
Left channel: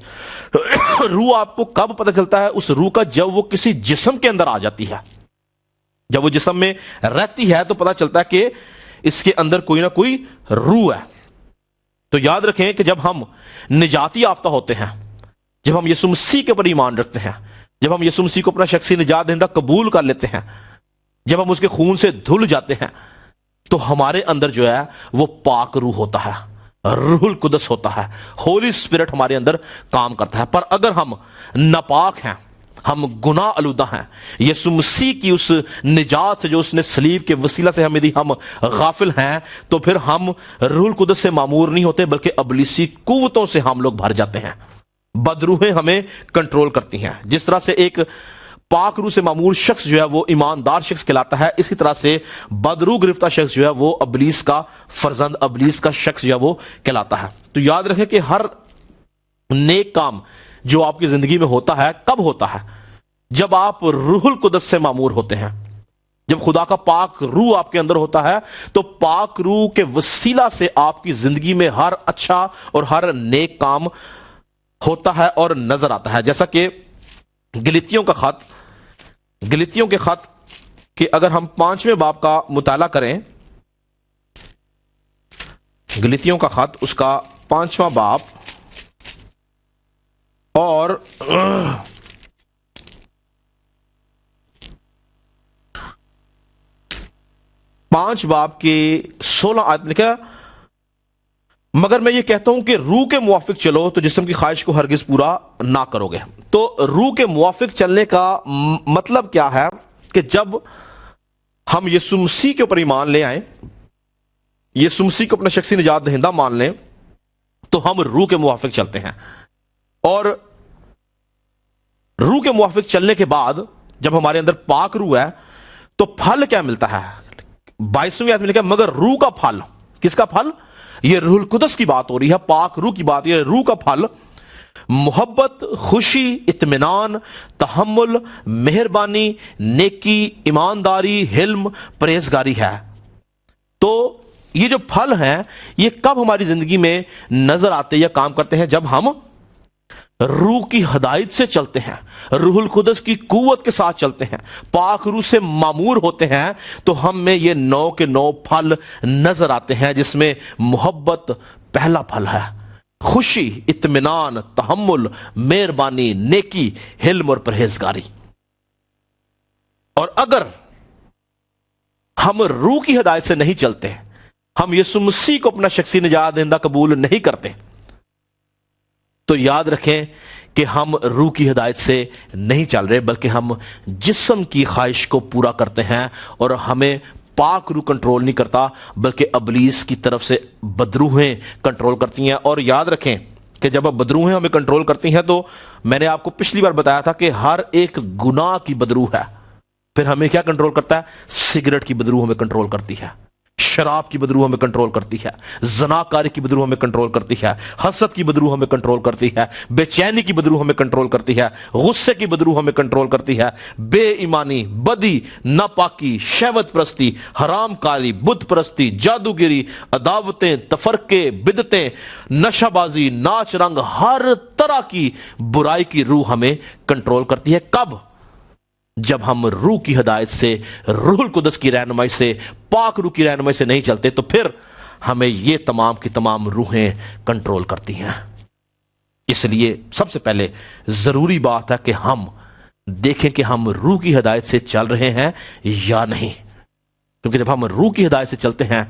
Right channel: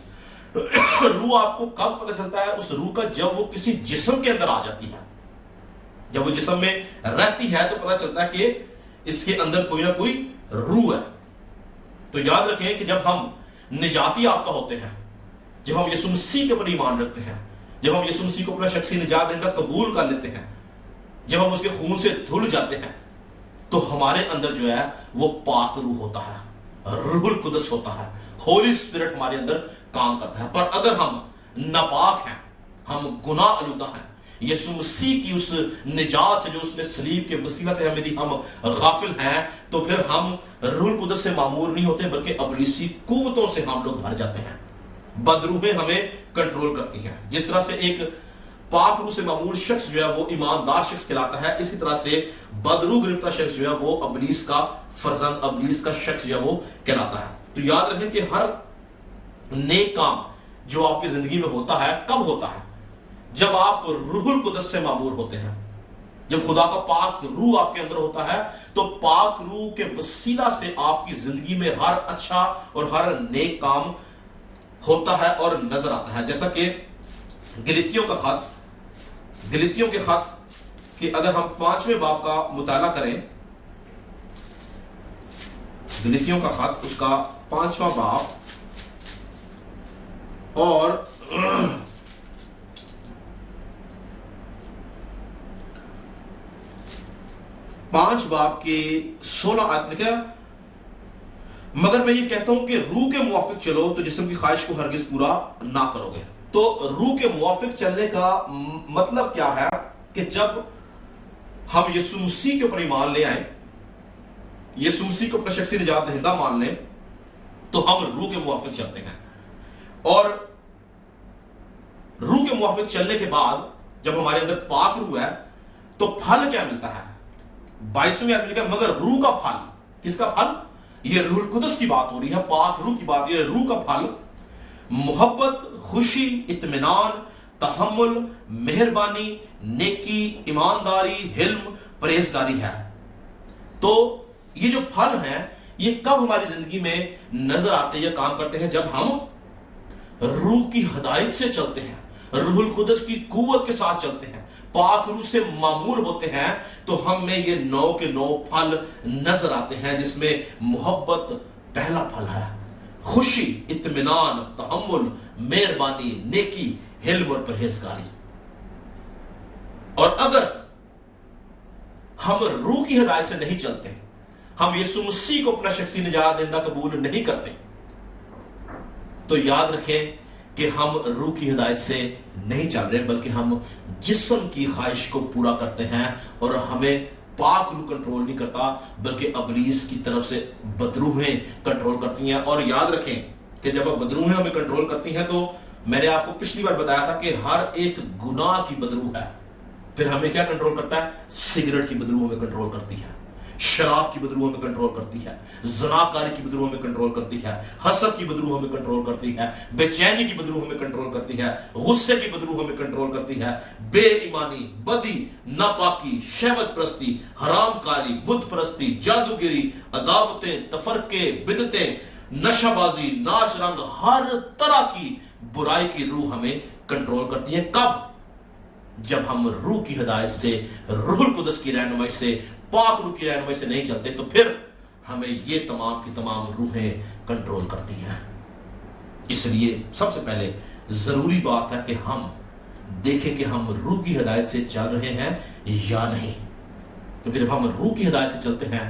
روح آپ کو کب پتہ چلتا ہے اس روح کا؟ جب وہ کسی جسم کے اندر آ جاتی ہے، جب وہ جسم میں رہتی ہے تو پتہ چلتا ہے کہ اس کے اندر کوئی نہ کوئی روح ہے۔ تو یاد رکھیں کہ جب ہم نجات یافتہ ہوتے ہیں، جب ہم یسوع مسیح کے اوپر ایمان رکھتے ہیں، جب ہم یسوع مسیح کو اپنا شخصی نجات دہندہ قبول کر لیتے ہیں، جب ہم اس کے خون سے دھل جاتے ہیں، تو ہمارے اندر جو ہے وہ پاک روح ہوتا ہے، روح القدس ہوتا ہے، ہولی اسپرٹ ہمارے اندر کام کرتا ہے۔ پر اگر ہم ناپاک ہیں، ہم گناہ آلودہ ہیں، یسوع مسیح کی اس نجات سے جو اس نے صلیب کے وسیلہ سے ہمیں دی، ہم غافل ہیں، تو پھر ہم روح القدس سے معمور نہیں ہوتے بلکہ ابلیسی قوتوں سے ہم لوگ بھر جاتے ہیں۔ بدروحیں ہمیں کنٹرول کرتی ہیں۔ جس طرح سے ایک پاک روح سے معمور شخص جو ہے وہ ایماندار شخص کہلاتا ہے، اسی طرح سے بدروح گرفتہ شخص جو ہے وہ ابلیس کا فرزند، ابلیس کا شخص جو ہے وہ کہلاتا ہے۔ تو یاد رکھیں کہ ہر نیک کام جو آپ کی زندگی میں ہوتا ہے کب ہوتا ہے؟ جب آپ روح القدس سے معمور ہوتے ہیں، جب خدا کا پاک روح آپ کے اندر ہوتا ہے تو پاک روح کے وسیلہ سے آپ کی زندگی میں ہر اچھا اور ہر نیک کام ہوتا ہے اور نظر آتا ہے۔ جیسا کہ گلتیوں کے خط کہ اگر ہم 5ویں باب کا مطالعہ کریں، گلتیوں کا خط اس کا 5واں باب اور 5 باب کی 16 آیت لکھا، مگر میں یہ کہتا ہوں کہ روح کے موافق چلو تو جسم کی خواہش کو ہرگز پورا نہ کرو گے۔ تو روح کے موافق چلنے کا مطلب کیا ہے کہ جب ہم یسوع مسیح کے اوپر ایمان لے آئیں، یسوع مسیح کو اپنا شخصی نجات دہندہ مان لیں، تو ہم روح کے موافق چلتے ہیں. اور روح کے موافق چلنے کے بعد جب ہمارے اندر پاک روح ہے تو پھل کیا ملتا ہے؟ 22ویں آیت میں لکھا ہے مگر روح کا پھل. کس کا پھل؟ یہ روح القدس کی بات ہو رہی ہے، پاک روح کی بات. یہ روح کا پھل محبت، خوشی، اطمینان، تحمل، مہربانی، نیکی، ایمانداری، حلم، پرہیزگاری ہے. تو یہ جو پھل ہیں یہ کب ہماری زندگی میں نظر آتے یا کام کرتے ہیں؟ جب ہم روح کی ہدایت سے چلتے ہیں، روح القدس کی قوت کے ساتھ چلتے ہیں، پاک روح سے معمور ہوتے ہیں، تو ہم میں یہ 9 کے 9 پھل نظر آتے ہیں، جس میں محبت پہلا پھل ہے، خوشی، اطمینان، تحمل، مہربانی، نیکی، حلم اور پرہیزگاری. اور اگر ہم روح کی ہدایت سے نہیں چلتے، ہم یسوع مسیح کو اپنا شخصی نجات دہندہ قبول نہیں کرتے، تو یاد رکھیں کہ ہم روح کی ہدایت سے نہیں چل رہے، بلکہ ہم جسم کی خواہش کو پورا کرتے ہیں، اور ہمیں پاک روح کنٹرول نہیں کرتا، بلکہ ابلیس کی طرف سے بدروحیں کنٹرول کرتی ہیں. اور یاد رکھیں کہ جب اب بدروحیں ہمیں کنٹرول کرتی ہیں، تو میں نے آپ کو پچھلی بار بتایا تھا کہ ہر ایک گناہ کی بدروح ہے. پھر ہمیں کیا کنٹرول کرتا ہے؟ سگریٹ کی بدروح ہمیں کنٹرول کرتی ہے، شراب کی بدروح ہمیں کنٹرول کرتی ہے، زناکاری کی بدروح ہمیں کنٹرول کرتی ہے، حسد کی بدروح ہمیں کنٹرول کرتی ہے، بے چینی کی بدروح ہمیں کنٹرول کرتی ہے، غصے کی بدروح ہمیں کنٹرول کرتی ہے، بے ایمانی، بدی، ناپاکی، شہوت پرستی، حرام کاری، بت پرستی، جادوگری، عداوتیں، تفرقے، بدعتیں، نشہ بازی، ناچ رنگ، ہر طرح کی برائی کی روح ہمیں کنٹرول کرتی ہے. کب؟ جب ہم روح کی ہدایت سے، روح القدس کی رہنمائی سے، پاک روح کی رہنمائی سے نہیں چلتے، تو پھر ہمیں یہ تمام کی تمام روحیں کنٹرول کرتی ہیں. اس لیے سب سے پہلے ضروری بات ہے کہ ہم دیکھیں کہ ہم روح کی ہدایت سے چل رہے ہیں یا نہیں. کیونکہ جب ہم روح کی ہدایت سے چلتے ہیں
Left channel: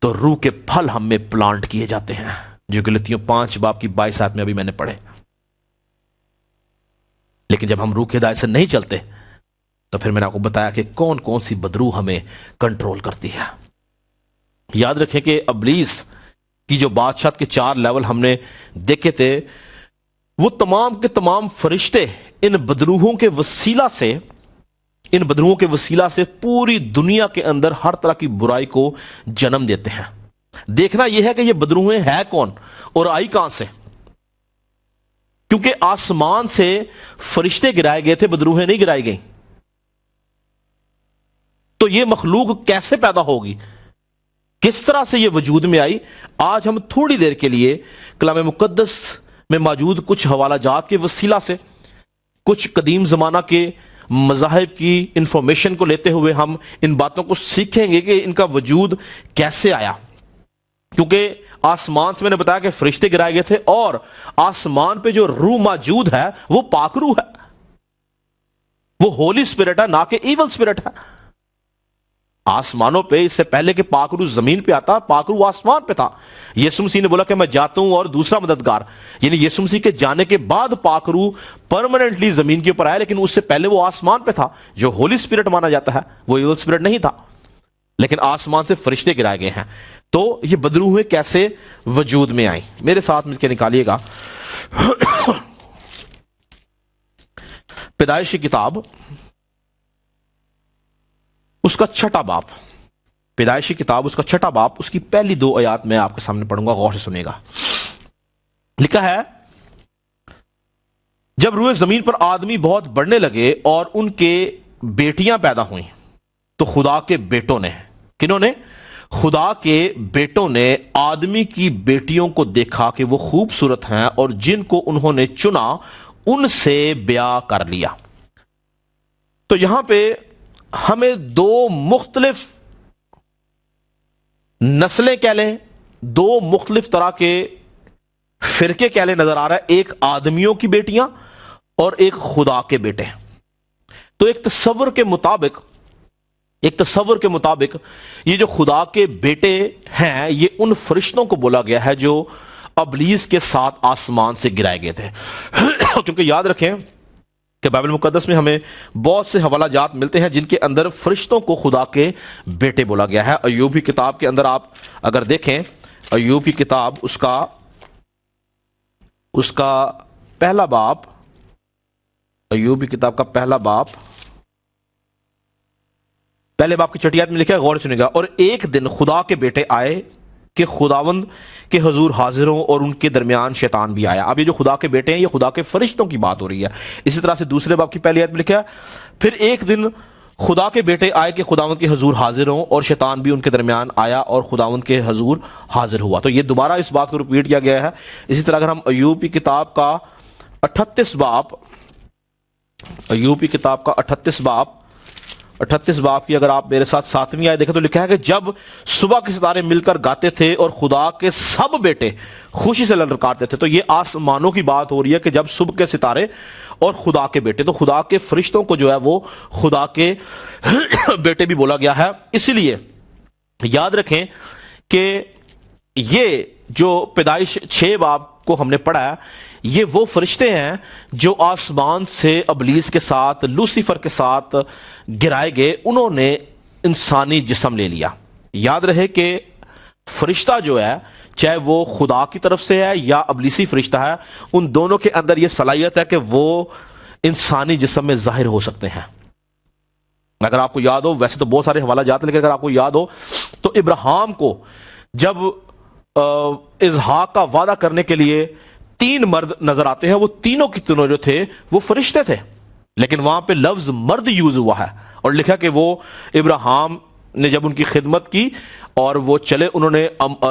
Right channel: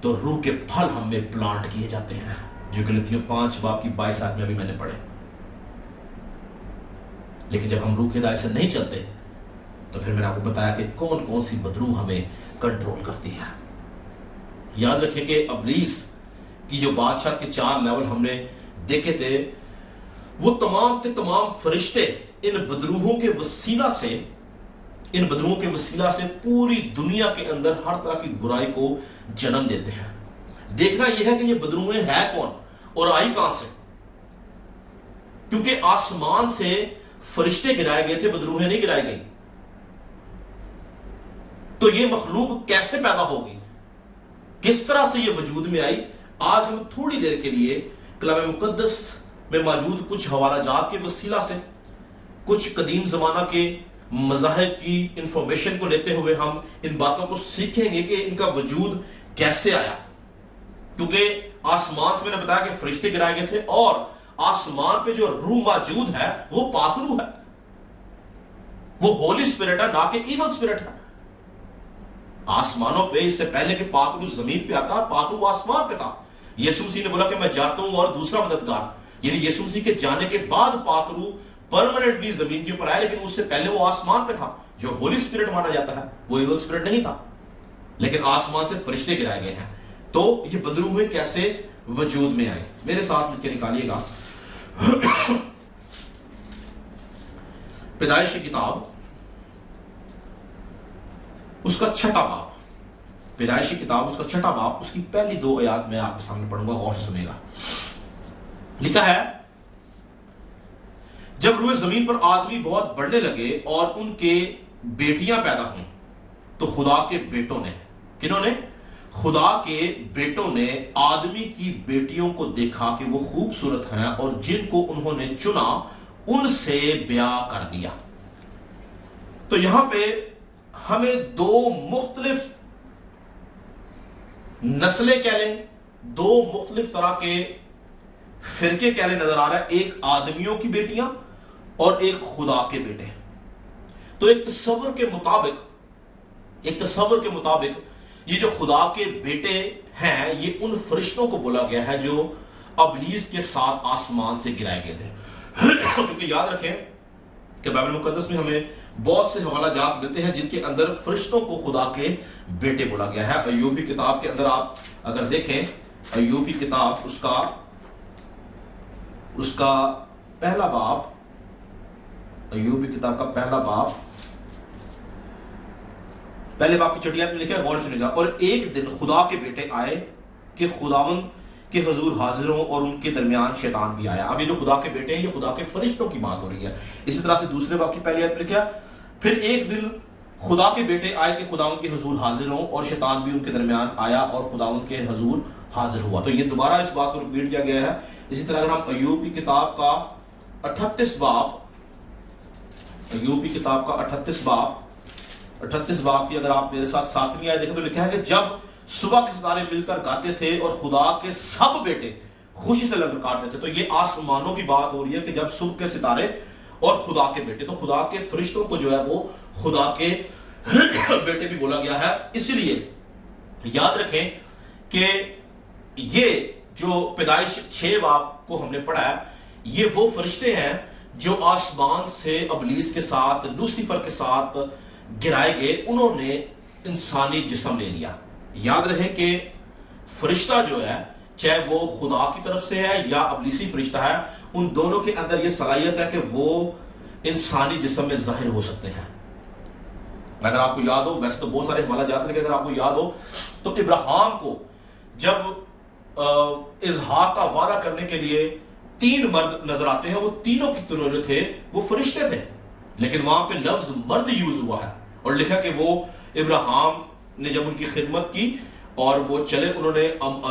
تو روح کے پھل ہم میں پلانٹ کیے جاتے ہیں، جو گلاطیوں 5 باب کی 22 آیت میں ابھی میں نے پڑھے. لیکن جب ہم روح کی ہدایت سے نہیں چلتے تو پھر میں نے آپ کو بتایا کہ کون کون سی بدروح ہمیں کنٹرول کرتی ہے. یاد رکھیں کہ ابلیس کی جو بادشاہت کے 4 لیول ہم نے دیکھے تھے، وہ تمام کے تمام فرشتے ان بدروحوں کے وسیلہ سے پوری دنیا کے اندر ہر طرح کی برائی کو جنم دیتے ہیں. دیکھنا یہ ہے کہ یہ بدروحیں ہیں کون اور آئی کہاں سے. کیونکہ آسمان سے فرشتے گرائے گئے تھے، بدروحیں نہیں گرائی گئیں. تو یہ مخلوق کیسے پیدا ہوگی، کس طرح سے یہ وجود میں آئی؟ آج ہم تھوڑی دیر کے لیے کلام مقدس میں موجود کچھ حوالہ جات کے وسیلہ سے، کچھ قدیم زمانہ کے مذاہب کی انفارمیشن کو لیتے ہوئے ہم ان باتوں کو سیکھیں گے کہ ان کا وجود کیسے آیا. کیونکہ آسمان سے میں نے بتایا کہ فرشتے گرائے گئے تھے، اور آسمان پہ جو روح موجود ہے وہ پاک روح ہے، وہ ہولی اسپرٹ ہے، نہ کہ ایول اسپرٹ ہے. آسمانوں پہ اس سے پہلے کہ پاک روح زمین پہ آتا، پاک روح آسمان پہ تھا. یسوع مسیح نے بولا کہ میں جاتا ہوں اور دوسرا مددگار، یعنی یسوع مسیح کے جانے کے بعد پاک روح پرماننٹلی زمین کے اوپر آیا، لیکن اس سے پہلے وہ آسمان پہ تھا. جو ہولی اسپرٹ مانا جاتا ہے وہ ایول اسپرٹ نہیں تھا، لیکن آسمان سے فرشتے گرائے گئے ہیں. تو یہ بدروحیں کیسے وجود میں آئیں؟ میرے ساتھ مل کے نکالیے گا پیدائش کی کتاب، اس کا 6واں باب. پیدائش کی کتاب اس کا 6واں باب، اس کی پہلی 2 آیات میں آپ کے سامنے پڑھوں گا، غور سے سنیے گا. لکھا ہے، جب روئے زمین پر آدمی بہت بڑھنے لگے اور ان کے بیٹیاں پیدا ہوئیں، تو خدا کے بیٹوں نے، کنہوں نے؟ خدا کے بیٹوں نے آدمی کی بیٹیوں کو دیکھا کہ وہ خوبصورت ہیں، اور جن کو انہوں نے چنا ان سے بیاہ کر لیا. تو یہاں پہ ہمیں 2 مختلف نسلیں کہہ لیں، 2 مختلف طرح کے فرقے کہہ لیں نظر آ رہا ہے. ایک آدمیوں کی بیٹیاں اور ایک خدا کے بیٹے. تو ایک تصور کے مطابق یہ جو خدا کے بیٹے ہیں، یہ ان فرشتوں کو بولا گیا ہے جو ابلیس کے ساتھ آسمان سے گرائے گئے تھے. کیونکہ یاد رکھیں کہ بائبل مقدس میں ہمیں بہت سے حوالہ جات ملتے ہیں جن کے اندر فرشتوں کو خدا کے بیٹے بولا گیا ہے. ایوب کی کتاب کے اندر آپ اگر دیکھیں، ایوب کی کتاب اس کا پہلا باب، ایوب کی کتاب کا پہلا باب، پہلے باب کی چھٹی آیت میں لکھا ہے، غور سنیے گا. اور ایک دن خدا کے بیٹے آئے کہ خداوند کے حضور حاضر ہوں اور ان کے درمیان شیطان بھی آیا. اب یہ جو خدا کے بیٹے ہیں یہ خدا کے فرشتوں کی بات ہو رہی ہے. اسی طرح سے دوسرے باب کی پہلی آیت میں لکھا ہے، پھر ایک دن خدا کے بیٹے آئے کہ خداوند کے حضور حاضر ہوں اور شیطان بھی ان کے درمیان آیا اور خداوند کے حضور حاضر ہوا. تو یہ دوبارہ اس بات کو ریپیٹ کیا گیا ہے. اسی طرح اگر ہم ایوب کی کتاب کا 38 باب، ایوب کی کتاب کا 38 باب کی اگر آپ میرے ساتھ 7ویں آیت دیکھیں تو لکھا ہے کہ جب صبح کے ستارے مل کر گاتے تھے اور خدا کے سب بیٹے خوشی سے للکارتے تھے. تو یہ آسمانوں کی بات ہو رہی ہے کہ جب صبح کے ستارے اور خدا کے بیٹے، تو خدا کے فرشتوں کو جو ہے وہ خدا کے بیٹے بھی بولا گیا ہے. اسی لیے یاد رکھیں کہ یہ جو پیدائش 6 باب کو ہم نے پڑھا ہے، یہ وہ فرشتے ہیں جو آسمان سے ابلیس کے ساتھ، لوسیفر کے ساتھ گرائے گئے. انہوں نے انسانی جسم لے لیا. یاد رہے کہ فرشتہ جو ہے، چاہے وہ خدا کی طرف سے ہے یا ابلیسی فرشتہ ہے، ان دونوں کے اندر یہ صلاحیت ہے کہ وہ انسانی جسم میں ظاہر ہو سکتے ہیں. اگر آپ کو یاد ہو، ویسے تو بہت سارے حوالہ جات ہیں، لیکن اگر آپ کو یاد ہو تو ابراہیم کو جب اسحاق کا وعدہ کرنے کے لیے 3 مرد نظر آتے ہیں، وہ تینوں کی تینوں جو تھے وہ فرشتے تھے، لیکن وہاں پہ لفظ مرد یوز ہوا ہے اور لکھا کہ وہ ابراہیم نے جب ان کی خدمت کی اور وہ چلے، انہوں نے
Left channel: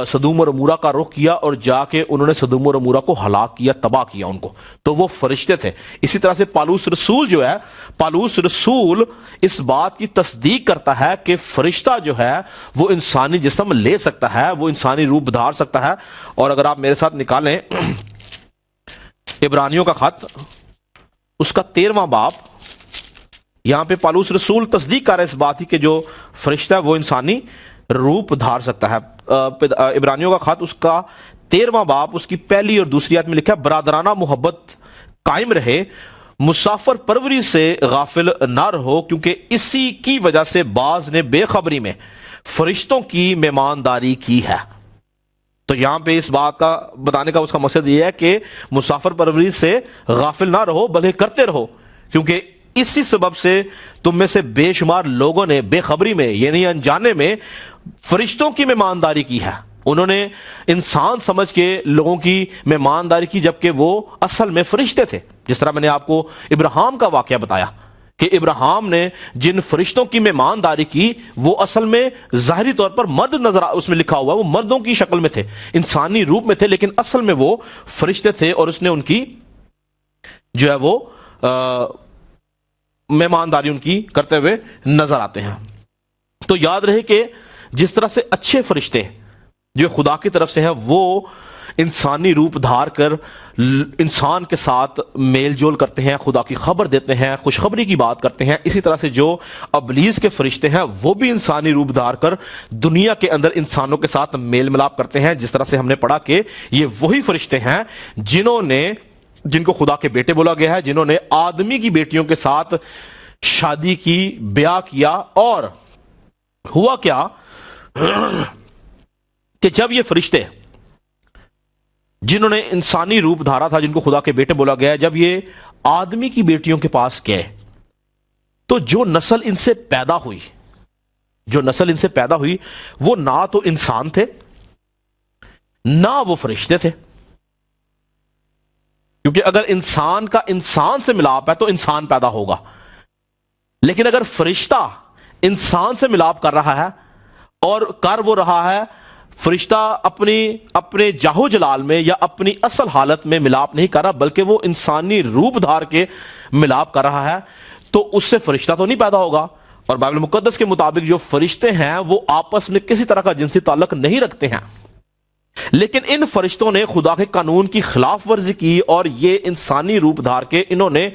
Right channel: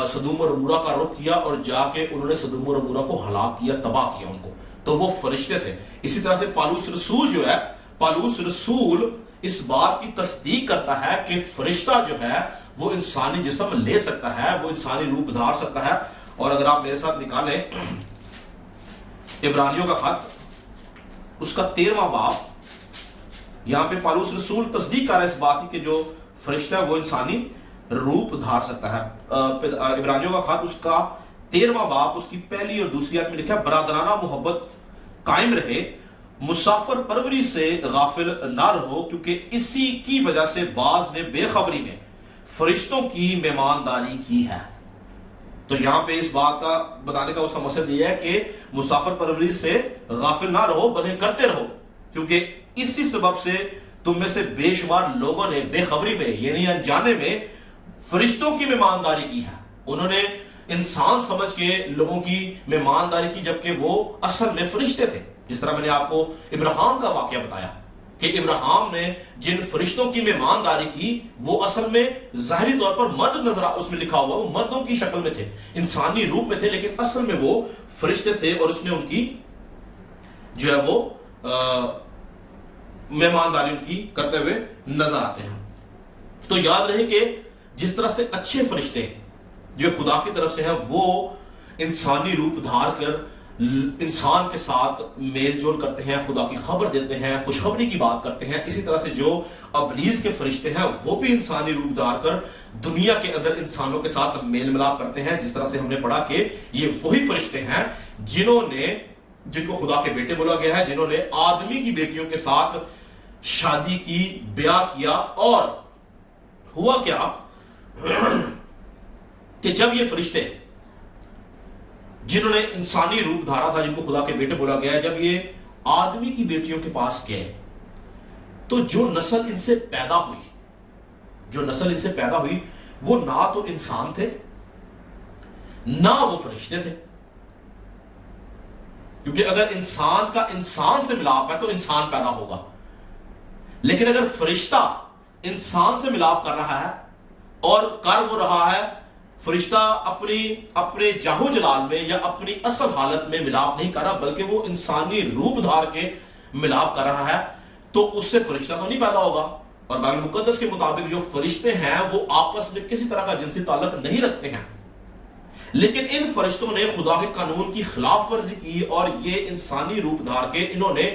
سدوم اور عمورہ کا رخ کیا اور جا کے انہوں نے سدوم اور عمورہ کو ہلاک کیا، تباہ کیا ان کو. تو وہ فرشتے تھے. اسی طرح سے پالوس رسول جو ہے، پالوس رسول اس بات کی تصدیق کرتا ہے کہ فرشتہ جو ہے وہ انسانی جسم لے سکتا ہے، وہ انسانی روپ دھار سکتا ہے. اور اگر آپ میرے ساتھ نکالیں عبرانیوں کا خط، اس کا 13واں باب، یہاں پہ پالوس رسول تصدیق کر رہا ہے اس بات کی کہ جو فرشتہ ہے وہ انسانی روپ دھار سکتا ہے. عبرانیوں کا خط، اس کا 13واں باب، اس کی پہلی اور دوسری آیت میں لکھا ہے، برادرانہ محبت قائم رہے، مسافر پروری سے غافل نہ رہو، کیونکہ اسی کی وجہ سے بعض نے بے خبری میں فرشتوں کی مہمانداری کی ہے. تو یہاں پہ اس بات کا بتانے کا اس کا مقصد یہ ہے کہ مسافر پروری سے غافل نہ رہو بلکہ کرتے رہو، کیونکہ اسی سبب سے تم میں سے بے شمار لوگوں نے بے خبری میں، یعنی انجانے میں، فرشتوں کی مہمانداری کی ہے. انہوں نے انسان سمجھ کے لوگوں کی مہمانداری کی، جبکہ وہ اصل میں فرشتے تھے. جس طرح میں نے آپ کو ابراہیم کا واقعہ بتایا کہ ابراہیم نے جن فرشتوں کی مہمانداری کی وہ اصل میں ظاہری طور پر مرد نظر، اس میں لکھا ہوا وہ مردوں کی شکل میں تھے، انسانی روپ میں تھے، لیکن اصل میں وہ فرشتے تھے اور اس نے ان کی جو ہے وہ مہمانداری ان کی کرتے ہوئے نظر آتے ہیں. تو یاد رہے کہ جس طرح سے اچھے فرشتے جو خدا کی طرف سے ہیں وہ انسانی روپ دھار کر انسان کے ساتھ میل جول کرتے ہیں، خدا کی خبر دیتے ہیں، خوشخبری کی بات کرتے ہیں، اسی طرح سے جو ابلیس کے فرشتے ہیں وہ بھی انسانی روپ دھار کر دنیا کے اندر انسانوں کے ساتھ میل ملاپ کرتے ہیں. جس طرح سے ہم نے پڑھا کہ یہ وہی فرشتے ہیں جن کو خدا کے بیٹے بولا گیا ہے، جنہوں نے آدمی کی بیٹیوں کے ساتھ شادی کی، بیاہ کیا. اور ہوا کیا کہ جب یہ فرشتے جنہوں نے انسانی روپ دھارا تھا، جن کو خدا کے بیٹے بولا گیا ہے، جب یہ آدمی کی بیٹیوں کے پاس گئے تو جو نسل ان سے پیدا ہوئی وہ نہ تو انسان تھے نہ وہ فرشتے تھے. کیونکہ اگر انسان کا انسان سے ملاپ ہے تو انسان پیدا ہوگا، لیکن اگر فرشتہ انسان سے ملاپ کر رہا ہے اور کر وہ رہا ہے، فرشتہ اپنے جاہو جلال میں یا اپنی اصل حالت میں ملاپ نہیں کر رہا بلکہ وہ انسانی روپ دھار کے ملاپ کر رہا ہے، تو اس سے فرشتہ تو نہیں پیدا ہوگا. اور بائبل مقدس کے مطابق جو فرشتے ہیں وہ آپس میں کسی طرح کا جنسی تعلق نہیں رکھتے ہیں، لیکن ان فرشتوں نے خدا کے قانون کی خلاف ورزی کی اور یہ انسانی روپ دھار کے انہوں نے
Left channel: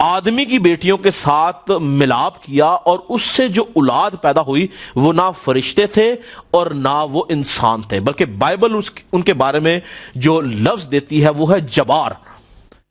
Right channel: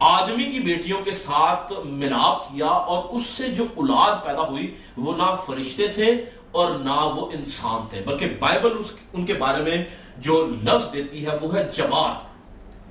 آدمی کی بیٹیوں کے ساتھ ملاپ کیا، اور اس سے جو اولاد پیدا ہوئی وہ نہ فرشتے تھے اور نہ وہ انسان تھے، بلکہ بائبل ان کے بارے میں جو لفظ دیتی ہے وہ ہے جبار.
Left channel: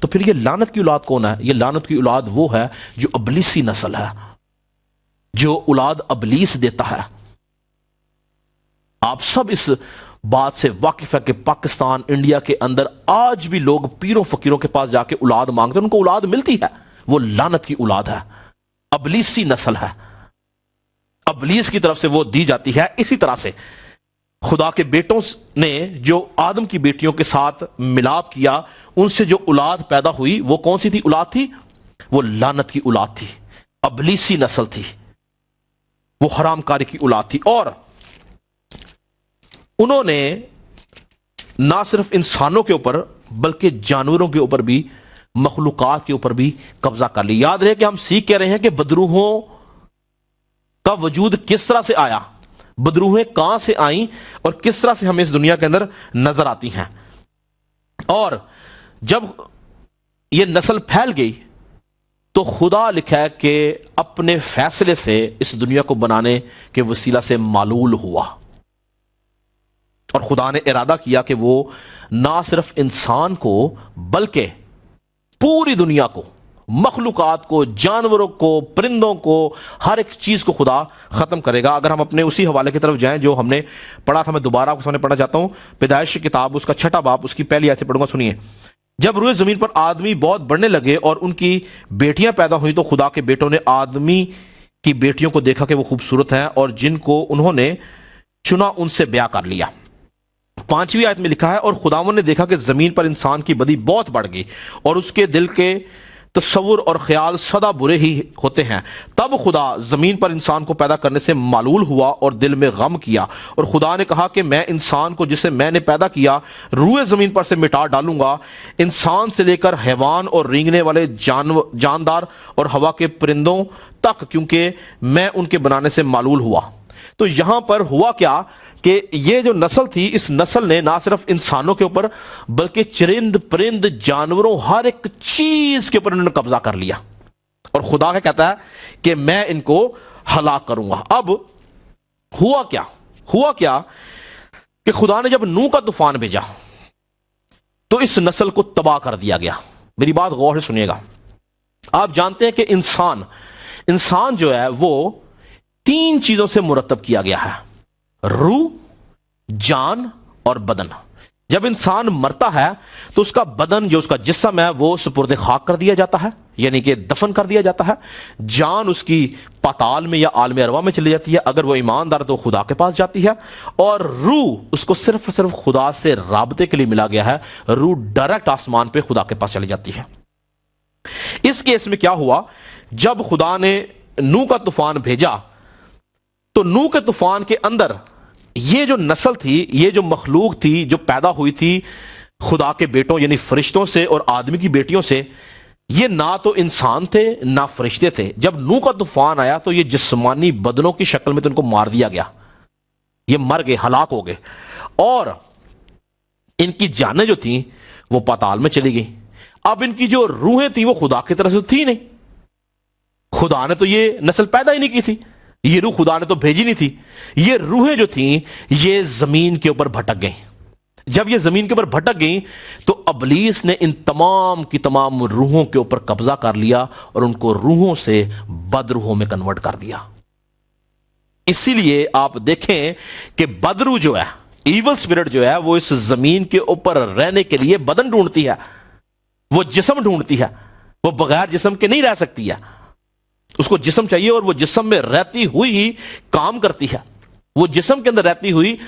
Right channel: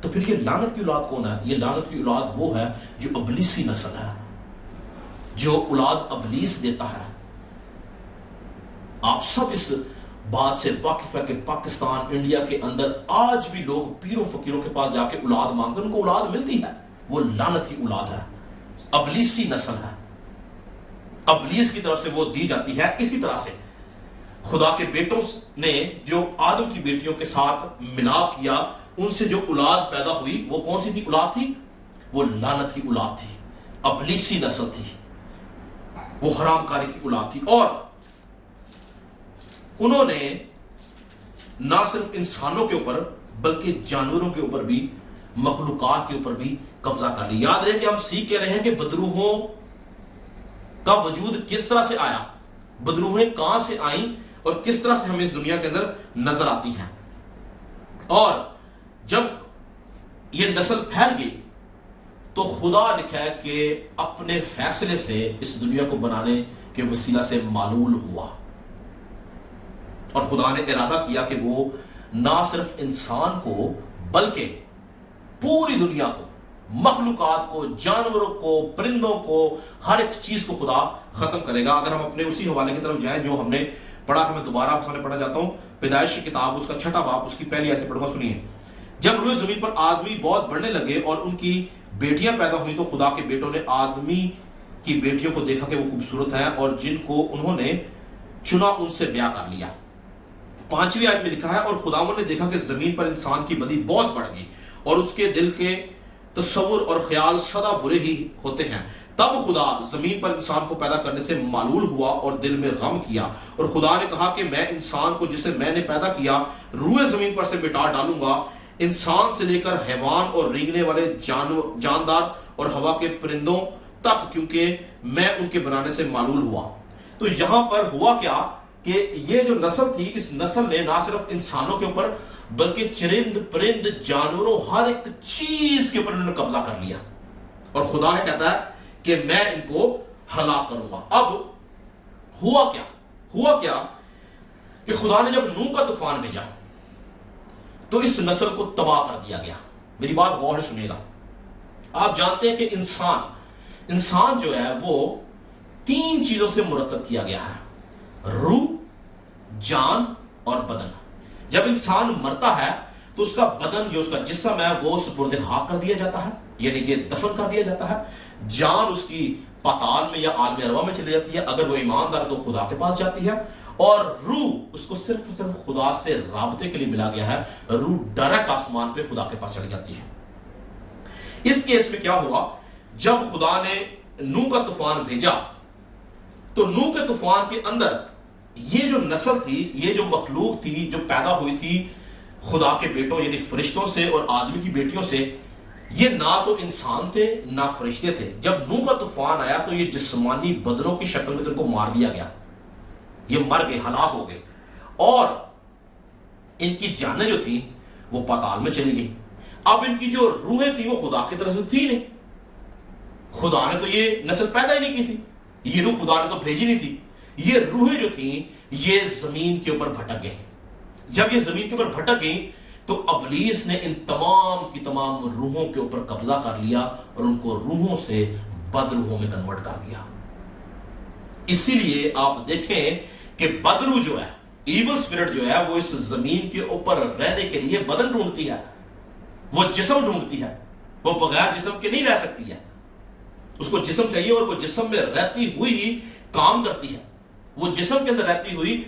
تو پھر یہ لعنت کی اولاد کون ہے؟ یہ لعنت کی اولاد وہ ہے جو ابلیسی نسل ہے، جو اولاد ابلیس دیتا ہے۔ آپ سب اس بات سے واقف ہے کہ پاکستان، انڈیا کے اندر آج بھی لوگ پیروں فقیروں کے پاس جا کے اولاد مانگتے ہیں، ان کو اولاد ملتی ہے، وہ لعنت کی اولاد ہے، ابلیسی نسل ہے، ابلیس کی طرف سے وہ دی جاتی ہے۔ اسی طرح سے خدا کے بیٹوں نے جو آدم کی بیٹیوں کے ساتھ ملاپ کیا، ان سے جو اولاد پیدا ہوئی وہ کون سی تھی اولاد تھی؟ وہ لعنت کی اولاد تھی، ابلیسی نسل تھی، وہ حرام کاری کی اولاد تھی۔ اور انہوں نے نہ صرف انسانوں کے اوپر بلکہ جانوروں کے اوپر بھی، مخلوقات کے اوپر بھی قبضہ کر لی۔ یاد رہے کہ ہم سیکھ کہہ رہے ہیں کہ بدروحوں کا وجود کس طرح سے آیا، بدروحیں کہاں سے آئیں اور کس طرح سے ہمیں اس دنیا کے اندر نظر آتی ہیں۔ اور جب یہ نسل پھیل گئی تو خدا لکھا ہے کہ اپنے فیصلے سے اس دنیا کو بنانے کے وسیلہ سے معلول ہوا، اور خدا نے ارادہ کیا کہ وہ نہ صرف انسان کو بلکہ پوری دنیا کو، مخلوقات کو، جانوروں کو، پرندوں کو، ہر ایک چیز کو خدا ختم کرے گا۔ اگر ہم اپنے اسی حوالے کی طرف جائیں جو ہم نے پڑھا تھا، میں دوبارہ آپ کے سامنے پڑھنا چاہتا ہوں، پیدائش کی کتاب اس کا 6واں باب، اس کی پہلی آیت سے پڑھوں گا، سنیے۔ جب روئے زمین پر آدمی بہت بڑھنے لگے اور ان کی بیٹیاں پیدا ہوئیں تو خدا کے بیٹوں نے آدمی کی بیٹیوں کو دیکھا کہ وہ خوبصورت ہیں، اور جن کو انہوں نے چنا ان سے بیاہ کر لیا۔ 5ویں آیت میں لکھا ہے، اور خداوند نے دیکھا کہ زمین پر انسان کی بدی بہت بڑھ گئی اور اس کے دل کے تصور اور خیال سدا برے ہی ہوتے ہیں۔ تب خدا زمین پر انسان کو پیدا کرنے سے معلول ہوا اور دل میں غم کیا، اور خدا نے کہا کہ میں انسان کو جسے میں نے پیدا کیا روئے زمین پر سے مٹا ڈالوں گا، انسان سے لے کر حیوان اور رینگنے والے جاندار اور ہوا کے پرندوں تک، کیونکہ میں ان کے بنانے سے معلول ہوا۔ تو یہاں پر ہوا کیا کہ یہ جو نسل تھی، اس نسل نے نہ صرف انسانوں کے اوپر بلکہ چرند پرند جانوروں، ہر ایک چیز کے اوپر انہوں نے قبضہ کر لیا، اور خدا کہتا ہے کہ میں ان کو ہلاک کروں گا۔ اب ہوا کیا کہ خدا نے جب نوح کا طوفان بھیجا تو اس نسل کو تباہ کر دیا گیا۔ میری بات غور سے سنیے گا۔ آپ جانتے ہیں کہ انسان جو ہے وہ 3 چیزوں سے مرتب کیا گیا ہے: روح، جان اور بدن۔ جب انسان مرتا ہے تو اس کا بدن، جو اس کا جسم ہے، وہ سپرد خاک کر دیا جاتا ہے، یعنی کہ دفن کر دیا جاتا ہے۔ جان اس کی پاتال میں یا عالم ارواح میں چلی جاتی ہے، اگر وہ ایماندار تو خدا کے پاس جاتی ہے، اور روح اس کو صرف خدا سے رابطے کے لیے ملا گیا ہے، روح ڈائریکٹ آسمان پہ خدا کے پاس چلی جاتی ہے۔ اس کیس میں کیا ہوا، جب خدا نے نوح کا طوفان بھیجا تو نوح کے طوفان کے اندر یہ جو نسل تھی، یہ جو مخلوق تھی جو پیدا ہوئی تھی خدا کے بیٹوں یعنی فرشتوں سے اور آدمی کی بیٹیوں سے، یہ نہ تو انسان تھے نہ فرشتے تھے۔ جب نوح کا طوفان آیا تو یہ جسمانی بدنوں کی شکل میں تو ان کو مار دیا گیا، یہ مر گئے، ہلاک ہو گئے، اور ان کی جانیں جو تھیں وہ پاتال میں چلی گئی۔ اب ان کی جو روحیں تھیں وہ خدا کی طرف سے تھی نہیں، خدا نے تو یہ نسل پیدا ہی نہیں کی تھی، یہ روح خدا نے تو بھیجی نہیں تھی۔ یہ روحیں جو تھیں یہ زمین کے اوپر بھٹک گئیں۔ جب یہ زمین کے اوپر بھٹک گئیں تو ابلیس نے ان تمام کی تمام روحوں کے اوپر قبضہ کر لیا اور ان کو روحوں سے بد روحوں میں کنورٹ کر دیا۔ اسی لیے آپ دیکھیں کہ بد روح جو ہے، ایول اسپرٹ جو ہے، وہ اس زمین کے اوپر رہنے کے لیے بدن ڈھونڈتی ہے، وہ جسم ڈھونڈتی ہے، وہ بغیر جسم کے نہیں رہ سکتی ہے، اس کو جسم چاہیے، اور وہ جسم میں رہتی ہوئی ہی کام کرتی ہے، وہ جسم کے اندر رہتی ہوئی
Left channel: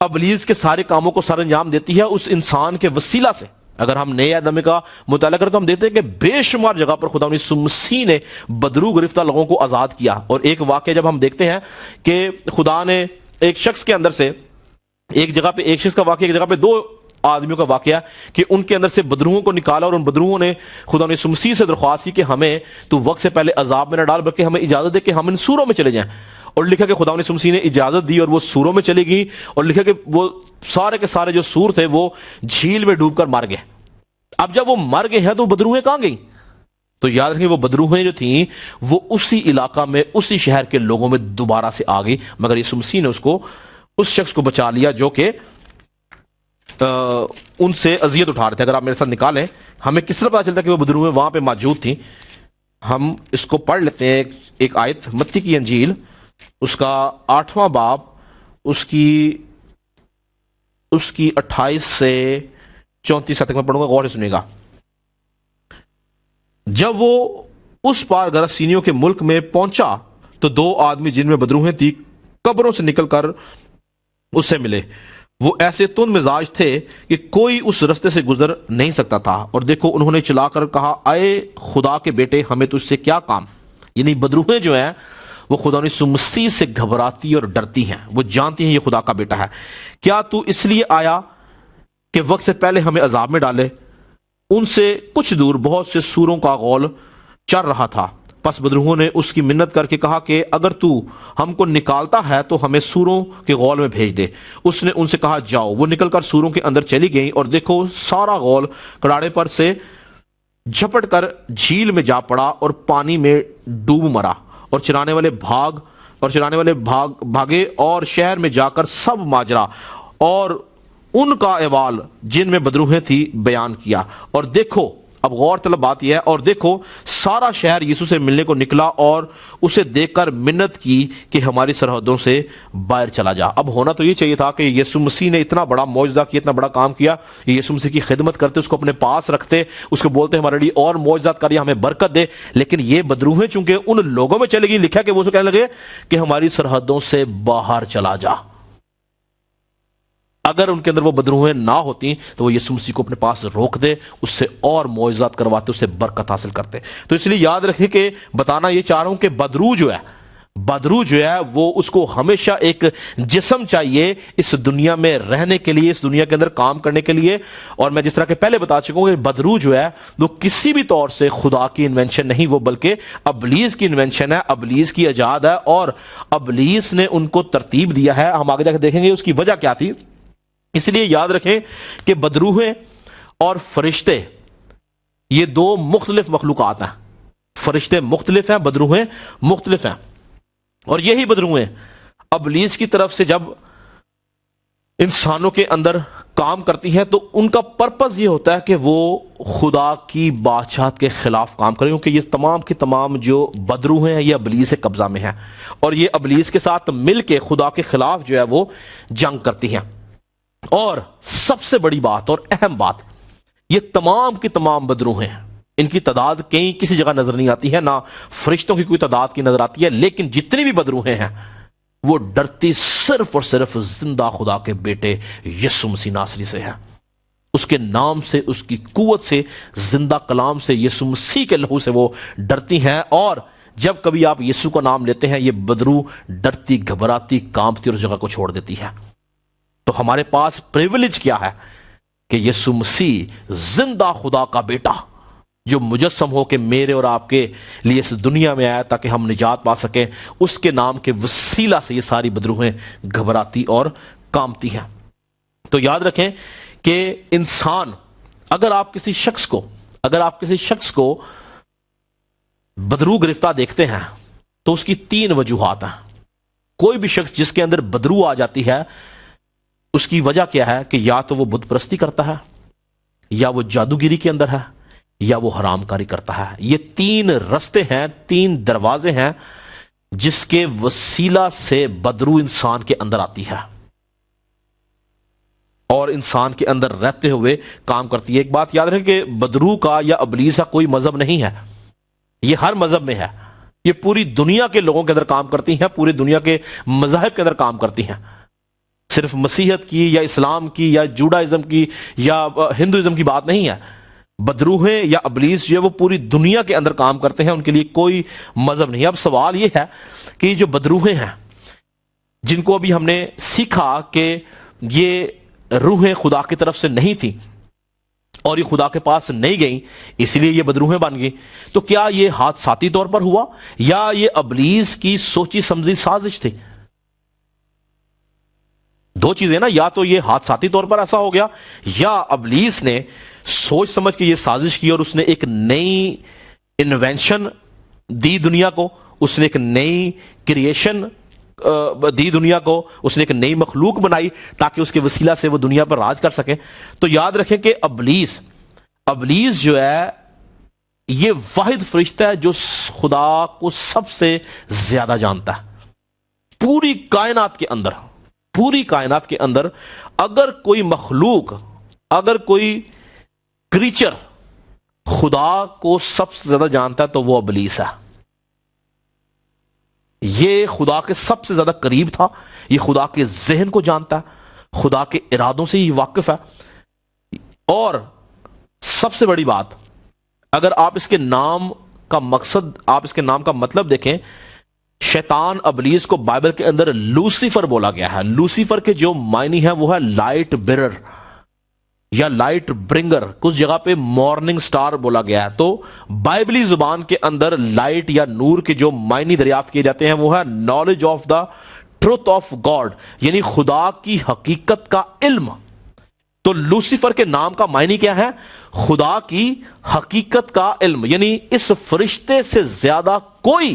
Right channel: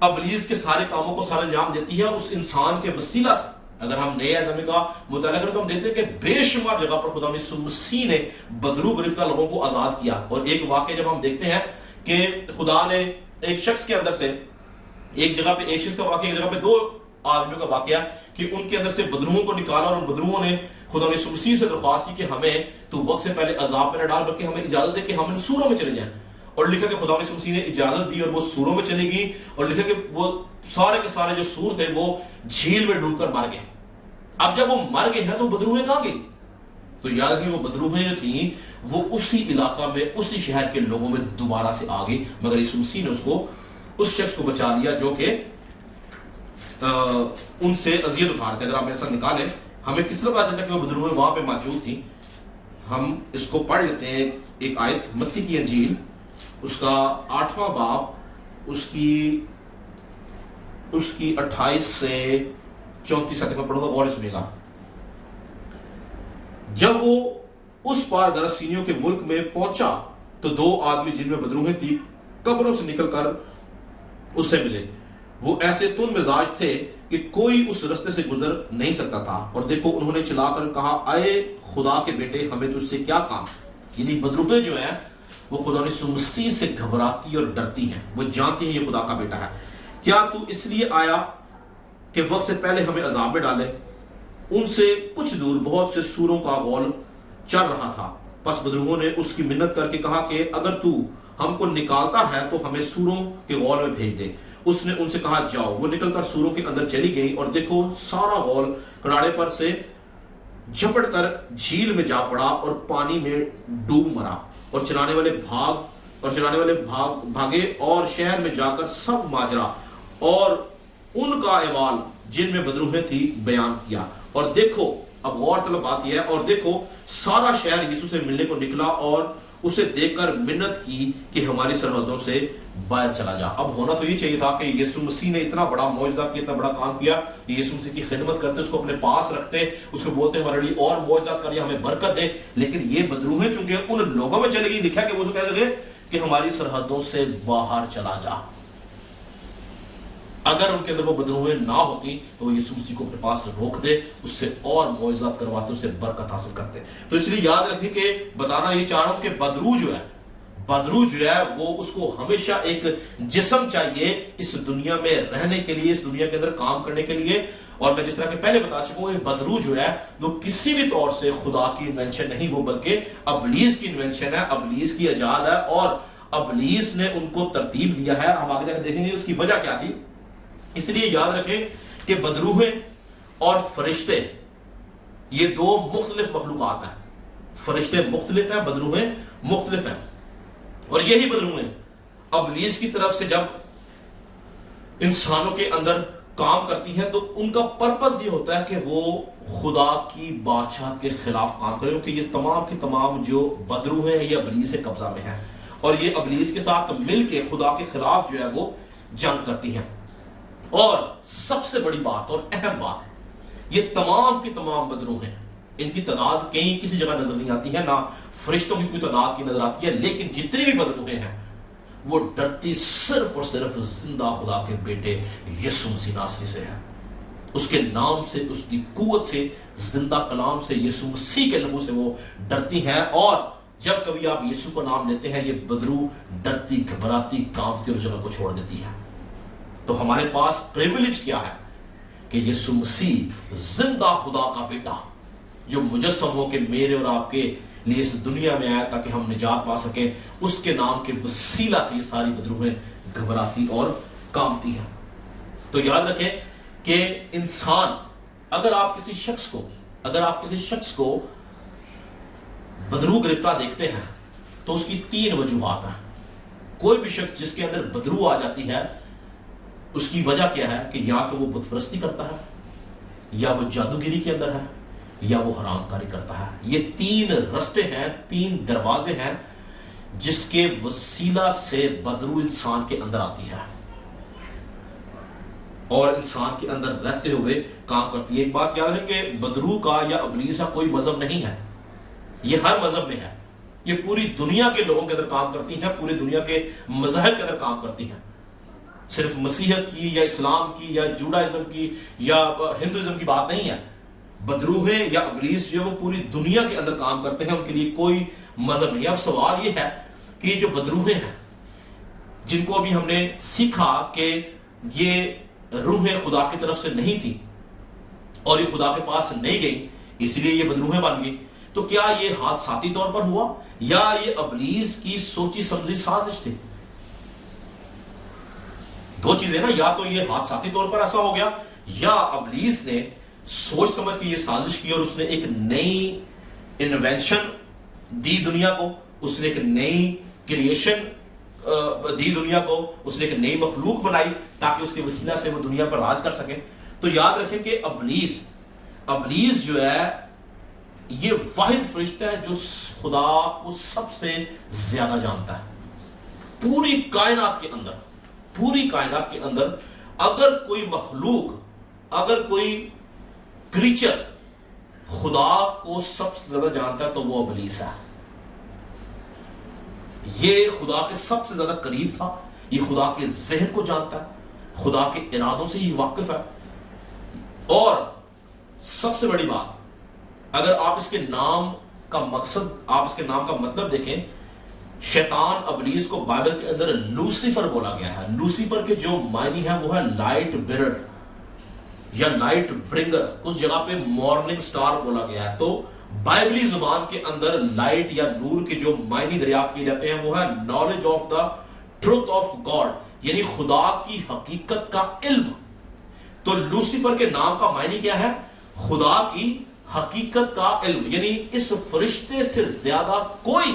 ابلیس کے سارے کاموں کو سر انجام دیتی ہے اس انسان کے وسیلہ سے۔ اگر ہم نئے عہد کا مطالعہ کریں تو ہم دیتے ہیں کہ بے شمار جگہ پر خدا یسوع مسیح نے بدروح گرفتہ لوگوں کو آزاد کیا۔ اور ایک واقعہ جب ہم دیکھتے ہیں کہ خدا نے ایک شخص کے اندر سے، ایک جگہ پہ ایک شخص کا واقعہ، ایک جگہ پہ 2 آدمیوں کا واقعہ کہ ان کے اندر سے بدروحوں کو نکالا، اور ان بدروحوں نے خدا یسوع مسیح سے درخواست کی کہ ہمیں تو وقت سے پہلے عذاب میں نہ ڈال بلکہ ہمیں اجازت دے کہ ہم ان سوروں میں چلے جائیں۔ اور لکھا کہ خدا یسوع مسیح نے اجازت دی اور وہ سوروں میں چلی گئی، اور لکھا کہ وہ سارے کے سارے جو سور تھے وہ جھیل میں ڈوب کر مر گئے۔ اب جب وہ مر گئے ہیں تو بدروحیں کہاں گئی؟ تو یاد رکھیں وہ بدروحیں جو تھیں وہ اسی علاقہ میں، اسی شہر کے لوگوں میں دوبارہ سے آ گئی، مگر یسوع مسیح نے اس شخص کو بچا لیا جو کہ ان سے اذیت اٹھا رہے تھے۔ اگر آپ میرے ساتھ نکالیں ہمیں کس طرح پتا چلتا ہے کہ وہ بدروہیں وہاں پہ موجود تھیں؟ ہم اس کو پڑھ لیتے ہیں، ایک آیت متی کی انجیل اس کا 8واں باب اس کی 28 سے 34 تک میں پڑھوں گا، غور سے سنیے گا۔ جب وہ اس پار گرسینیوں کے ملک میں پہنچا تو 2 آدمی جن میں بدروہیں تھی قبروں سے نکل کر اس سے ملے۔ وہ ایسے تند مزاج تھے کہ کوئی اس رستے سے گزر نہیں سکتا تھا، اور دیکھو انہوں نے چلا کر کہا، اے خدا کے بیٹے، ہمیں تجھ سے کیا کام؟ یعنی بدروہیں جو ہیں وہ خدا یسوع مسیح سے گھبراتی اور ڈرتی ہیں، وہ جانتی ہیں یہ خدا کا بیٹا ہے۔ کیا تو اس لیے آیا کہ وقت سے پہلے ہمیں عذاب میں ڈالے؟ ان سے کچھ دور بہت سے سوروں کا غول چل رہا تھا، پس بدروہوں نے اس کی منت کر کے کہا کہ اگر تو ہم کو نکالتا ہے تو ہمیں سوروں کے غول میں بھیج دے۔ اس نے ان سے کہا، جاؤ۔ وہ نکل کر سوروں کے اندر چلی گئیں، اور دیکھو سارا غول کڑاڑے پر سے جھپٹ کر جھیل میں جا پڑا اور پانی میں ڈوب مرا، اور چرانے والے بھاگے اور شہر میں جا کر سب ماجرا اور ان کا احوال جن میں بدروہیں تھی بیان کیا۔ اور دیکھو، اب غور طلب بات یہ ہے، اور دیکھو سارا شہر یسوع سے ملنے کو نکلا اور اسے دیکھ کر منت کی کہ ہماری سرحدوں سے باہر چلا جا۔ اب ہونا تو یہ چاہیے تھا کہ یسوع مسیح نے اتنا بڑا معجزہ کیا، اتنا بڑا کام کیا، یسوع مسیح کی خدمت کرتے، اس کو اپنے پاس رکھتے، اس کو بولتے ہمارے لیے اور معجزات کریے، ہمیں برکت دے۔ لیکن یہ بدروہیں چونکہ ان لوگوں میں چلے گی، لکھا کہ وہ اسے کہنے لگے کہ ہماری سرحدوں سے باہر چلا جا۔ اگر ان کے اندر وہ بدروہیں نہ ہوتی تو وہ یسوع مسیح کو اپنے پاس روک دے، اس سے اور معجزات کرواتے، اس سے برکت حاصل کرتے۔ تو اس لیے یاد رکھیں کہ بتانا یہ چاہ رہا ہوں کہ بدرو جو ہے وہ اس کو ہمیشہ ایک جسم چاہیے اس دنیا میں رہنے کے لیے، اس دنیا کے اندر کام کرنے کے لیے۔ اور میں جس طرح کہ پہلے بتا چکا ہوں کہ بدرو جو ہے وہ کسی بھی طور سے خدا کی انوینشن نہیں، وہ بلکہ ابلیس کی انوینشن ہے، ابلیس کی ایجاد ہے، اور ابلیس نے ان کو ترتیب دیا ہے۔ ہم آگے جا کے دیکھیں گے اس کی وجہ کیا تھی۔ اس لیے یاد رکھیں کہ بدروہیں اور فرشتے یہ 2 مختلف مخلوقات ہیں۔ فرشتے مختلف ہیں، بدروہیں مختلف ہیں، اور یہی بدروہیں ابلیس کی طرف سے جب انسانوں کے اندر کام کرتی ہیں تو ان کا پرپس یہ ہوتا ہے کہ وہ خدا کی بادشاہت کے خلاف کام کریں، کیونکہ یہ تمام کی تمام جو بدروہیں ہیں یہ ابلیس کے قبضہ میں ہیں، اور یہ ابلیس کے ساتھ مل کے خدا کے خلاف جو ہے وہ جنگ کرتی ہیں۔ اور سب سے بڑی بات اور اہم بات، یہ تمام کی تمام بدروہیں ہیں، ان کی تعداد کہیں کسی جگہ نظر نہیں آتی ہے، نہ فرشتوں کی کوئی تعداد کی نظر آتی ہے، لیکن جتنی بھی بدروہیں ہیں وہ ڈرتی صرف اور صرف زندہ خدا کے بیٹے یسوع مسیح ناصری سے ہے، اس کے نام سے، اس کی قوت سے، زندہ کلام سے، یسوع مسیح کے لہو سے وہ ڈرتی ہیں۔ اور جب کبھی آپ یسوع کا نام لیتے ہیں یہ بدرو ڈرتی، گھبراتی، کانپتی اور اس جگہ کو چھوڑ دیتی ہے۔ تو ہمارے پاس پریویلیج کیا ہے کہ یسوع مسیح زندہ خدا کا بیٹا جو مجسم ہو کے میرے اور آپ کے لیے اس دنیا میں آیا تاکہ ہم نجات پا سکیں، اس کے نام کے وسیلہ سے یہ ساری بدروہیں گھبراتی اور کانپتی ہیں۔ تو یاد رکھیں کہ انسان، اگر آپ کسی شخص کو بدرو گرفتہ دیکھتے ہیں تو اس کی 3 وجوہات ہیں۔ کوئی بھی شخص جس کے اندر بدرو آ جاتی ہے اس کی وجہ کیا ہے کہ یا تو وہ بت پرستی کرتا ہے، یا وہ جادوگیری کے اندر ہے، یا وہ حرام کاری کرتا ہے۔ یہ 3 رستے ہیں، 3 دروازے ہیں جس کے وسیلہ سے بدرو انسان کے اندر آتی ہے اور انسان کے اندر رہتے ہوئے کام کرتی ہے۔ ایک بات یاد رکھیں کہ بدرو کا یا ابلیس کا کوئی مذہب نہیں ہے، یہ ہر مذہب میں ہے، یہ پوری دنیا کے لوگوں کے اندر کام کرتی ہیں، پوری دنیا کے مذاہب کے اندر کام کرتی ہیں، صرف مسیحیت کی یا اسلام کی یا جوڈائزم کی یا ہندوازم کی بات نہیں ہے۔ بدروہیں یا ابلیس جو ہے وہ پوری دنیا کے اندر کام کرتے ہیں، ان کے لیے کوئی مذہب نہیں ہے۔ اب سوال یہ ہے کہ یہ جو بدروہیں ہیں جن کو ابھی ہم نے سیکھا کہ یہ روحیں خدا کی طرف سے نہیں تھیں اور یہ خدا کے پاس نہیں گئیں اس لیے یہ بدروہیں بن گئیں، تو کیا یہ حادثاتی طور پر ہوا یا یہ ابلیس کی سوچی سمجھی سازش تھی؟ 2 چیزیں نا، یا تو یہ حادثاتی طور پر ایسا ہو گیا یا ابلیس نے سوچ سمجھ کے یہ سازش کی اور اس نے ایک نئی انوینشن دی دنیا کو، اس نے ایک نئی کریشن دی دنیا کو، اس نے ایک نئی مخلوق بنائی تاکہ اس کے وسیلہ سے وہ دنیا پر راج کر سکیں۔ تو یاد رکھیں کہ ابلیس ابلیس جو ہے یہ واحد فرشتہ ہے جو خدا کو سب سے زیادہ جانتا ہے پوری کائنات کے اندر اگر کوئی مخلوق، اگر کوئی کریچر خدا کو سب سے زیادہ جانتا ہے تو وہ ابلیس ہے. یہ خدا کے سب سے زیادہ قریب تھا، یہ خدا کے ذہن کو جانتا ہے، خدا کے ارادوں سے یہ واقف ہے. اور سب سے بڑی بات، اگر آپ اس کے نام کا مقصد، آپ اس کے نام کا مطلب دیکھیں، شیطان ابلیس کو بائبل کے اندر لوسیفر بولا گیا ہے. لوسیفر کے جو معنی ہے وہ ہے لائٹ بیرر یا لائٹ برنگر، کچھ جگہ پہ مارننگ سٹار بولا گیا ہے. تو بائبلی زبان کے اندر لائٹ یا نور کے جو معنی دریافت کیے جاتے ہیں وہ ہے knowledge of the truth of God, یعنی خدا کی حقیقت کا علم. تو لوسیفر کے نام کا معنی کیا ہے؟ خدا کی حقیقت کا علم. یعنی اس فرشتے سے زیادہ کوئی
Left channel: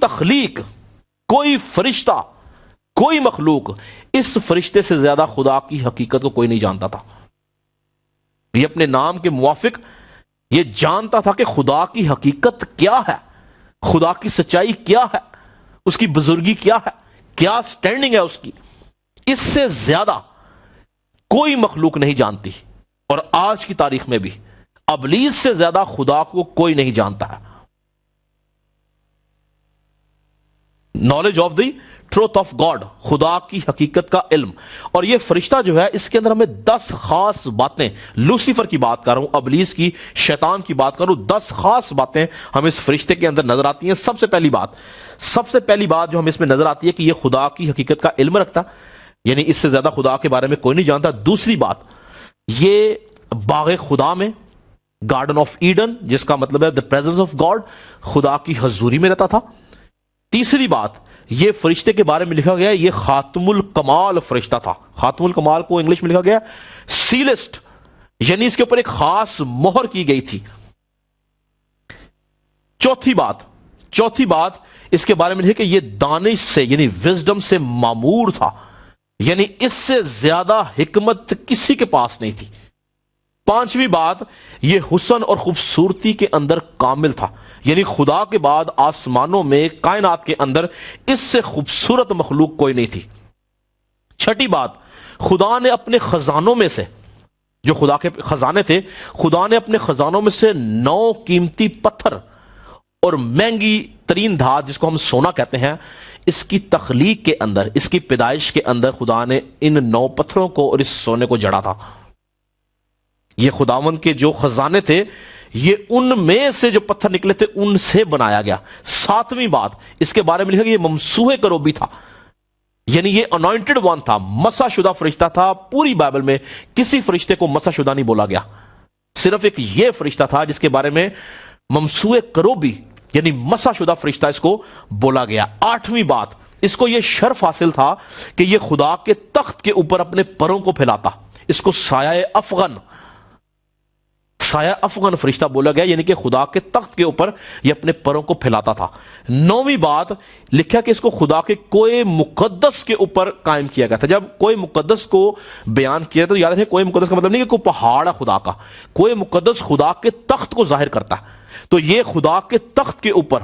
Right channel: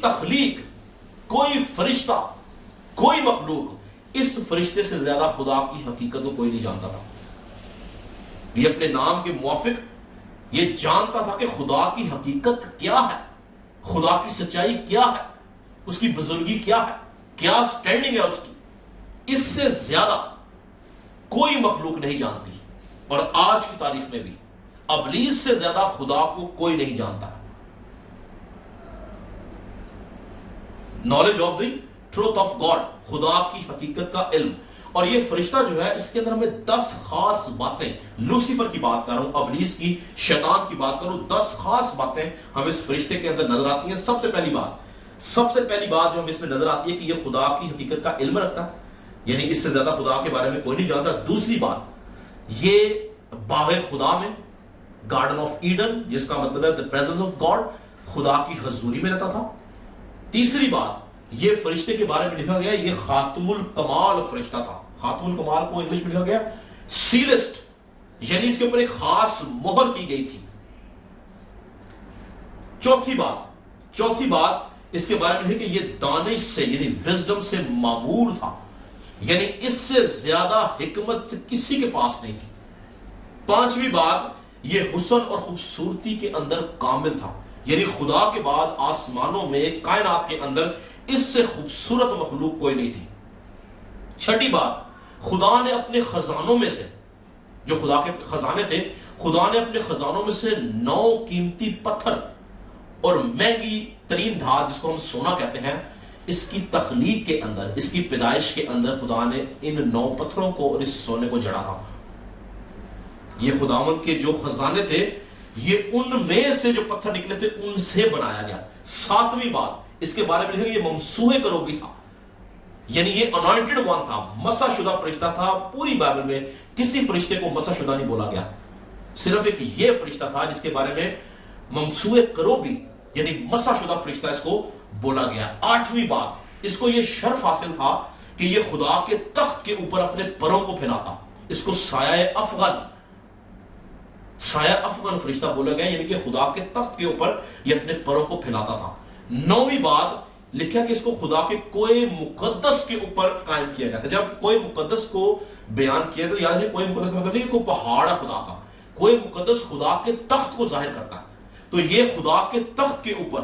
تخلیق، کوئی فرشتہ، کوئی مخلوق اس فرشتے سے زیادہ خدا کی حقیقت کو کوئی نہیں جانتا تھا. یہ اپنے نام کے موافق یہ جانتا تھا کہ خدا کی حقیقت کیا ہے، خدا کی سچائی کیا ہے، اس کی بزرگی کیا ہے، کیا سٹینڈنگ ہے اس کی. اس سے زیادہ کوئی مخلوق نہیں جانتی. اور آج کی تاریخ میں بھی ابلیس سے زیادہ خدا کو کوئی نہیں جانتا ہے. Knowledge of the truth of God, خدا کی حقیقت کا علم. اور یہ فرشتہ جو ہے اس کے اندر ہمیں 10 خاص باتیں، لوسیفر کی بات کر رہا ہوں، ابلیس کی، شیطان کی بات کر رہا ہوں، 10 خاص باتیں ہمیں اس فرشتے کے اندر نظر آتی ہیں. سب سے پہلی بات جو ہمیں اس میں نظر آتی ہے کہ یہ خدا کی حقیقت کا علم رکھتا، یعنی اس سے زیادہ خدا کے بارے میں کوئی نہیں جانتا. دوسری بات، یہ باغ خدا میں، گارڈن آف ایڈن، جس کا مطلب ہے the presence of God، خدا کی حضوری میں رہتا تھا. تیسری بات، یہ فرشتے کے بارے میں لکھا گیا ہے یہ خاتم الکمال فرشتہ تھا. خاتم الکمال کو انگلش میں لکھا گیا سیلسٹ، یعنی اس کے اوپر ایک خاص مہر کی گئی تھی. چوتھی بات اس کے بارے میں لکھا کہ یہ دانش سے، یعنی وزڈم سے معمور تھا، یعنی اس سے زیادہ حکمت کسی کے پاس نہیں تھی. پانچویں بات، یہ حسن اور خوبصورتی کے اندر کامل تھا، یعنی خدا کے بعد آسمانوں میں، کائنات کے اندر اس سے خوبصورت مخلوق کوئی نہیں تھی. چھٹی بات، خدا نے اپنے خزانوں میں سے، جو خدا کے خزانے تھے، خدا نے اپنے خزانوں میں سے 9 قیمتی پتھر اور مہنگی ترین دھات، جس کو ہم سونا کہتے ہیں، اس کی تخلیق کے اندر، اس کی پیدائش کے اندر خدا نے ان 9 پتھروں کو اور اس سونے کو جڑا تھا. یہ خداوند کے جو خزانے تھے، یہ ان میں سے جو پتھر نکلے تھے ان سے بنایا گیا. 7ویں بات، اس کے بارے میں لکھا کہ یہ ممسوح کروبی تھا، یعنی یہ انوائنٹڈ ون تھا، مسح شدہ فرشتہ تھا. پوری بائبل میں کسی فرشتے کو مسح شدہ نہیں بولا گیا، صرف ایک یہ فرشتہ تھا جس کے بارے میں ممسوح کروبی یعنی مسح شدہ فرشتہ اس کو بولا گیا. 8ویں بات، اس کو یہ شرف حاصل تھا کہ یہ خدا کے تخت کے اوپر اپنے پروں کو پھیلاتا. اس کو سایہ افغان فرشتہ بولا گیا، یعنی کہ خدا کے تخت کے اوپر یہ اپنے پروں کو پھیلاتا تھا. 9ویں بات لکھا کہ اس کو خدا کے کوئی مقدس کے اوپر قائم کیا گیا تھا. جب کوئی مقدس کو بیان کیا تو یاد رکھیں، کوئی مقدس کا مطلب نہیں کہ کوئی پہاڑ ہے خدا کا، کوئی مقدس خدا کے تخت کو ظاہر کرتا ہے. تو یہ خدا کے تخت کے اوپر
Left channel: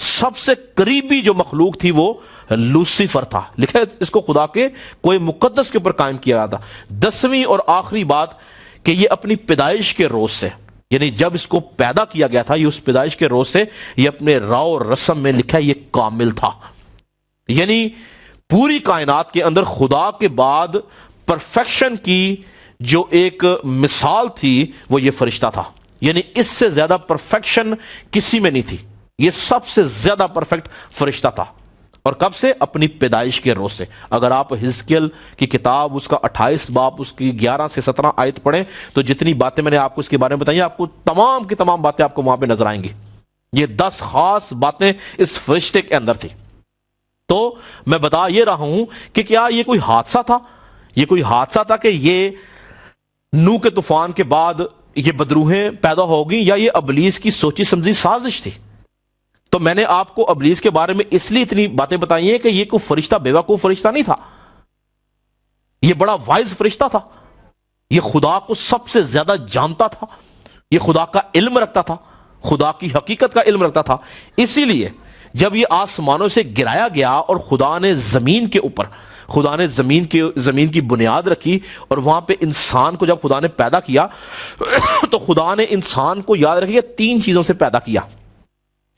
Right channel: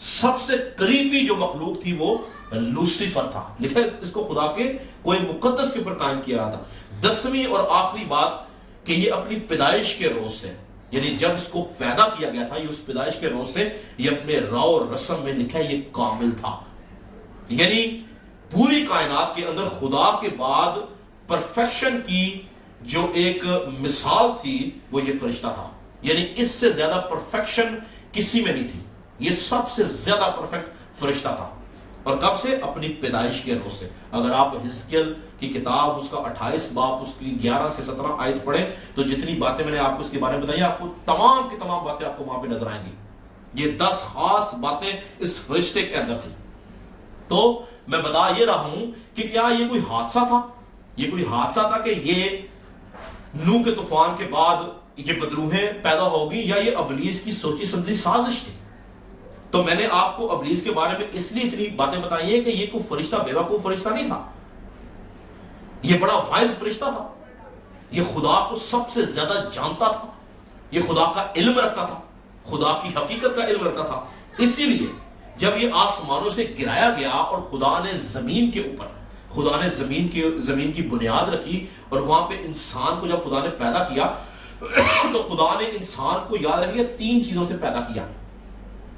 سب سے قریبی جو مخلوق تھی وہ لوسیفر تھا. لکھا ہے اس کو خدا کے کوئی مقدس کے اوپر قائم کیا گیا تھا. 10ویں اور آخری بات کہ یہ اپنی پیدائش کے روز سے، یعنی جب اس کو پیدا کیا گیا تھا، یہ اس پیدائش کے روز سے یہ اپنے راو اور رسم میں لکھا ہے یہ کامل تھا. یعنی پوری کائنات کے اندر خدا کے بعد پرفیکشن کی جو ایک مثال تھی وہ یہ فرشتہ تھا. یعنی اس سے زیادہ پرفیکشن کسی میں نہیں تھی، یہ سب سے زیادہ پرفیکٹ فرشتہ تھا. اور کب سے؟ اپنی پیدائش کے روز سے. اگر آپ حزقیل کی کتاب اس کا 28 باب اس کی 11 سے 17 آیت پڑھیں تو جتنی باتیں میں نے آپ کو اس کے بارے میں بتائی، آپ کو تمام کی تمام باتیں آپ کو وہاں پہ نظر آئیں گی. یہ 10 خاص باتیں اس فرشتے کے اندر تھی. تو میں بتا یہ رہا ہوں کہ کیا یہ کوئی حادثہ تھا؟ یہ کوئی حادثہ تھا کہ یہ نوح کے طوفان کے بعد یہ بدروہیں پیدا ہو گئیں، یا یہ ابلیس کی سوچی سمجھی سازش تھی؟ تو میں نے آپ کو ابلیس کے بارے میں اس لیے اتنی باتیں بتائی ہیں کہ یہ کوئی فرشتہ بیوقوف فرشتہ نہیں تھا، یہ بڑا وائز فرشتہ تھا. یہ خدا کو سب سے زیادہ جانتا تھا، یہ خدا کا علم رکھتا تھا، خدا کی حقیقت کا علم رکھتا تھا. اسی لیے جب یہ آسمانوں سے گرایا گیا اور خدا نے زمین کے اوپر، خدا نے زمین کی بنیاد رکھی، اور وہاں پہ انسان کو جب خدا نے پیدا کیا تو خدا نے انسان کو، یاد رکھیے، 3 چیزوں سے پیدا کیا.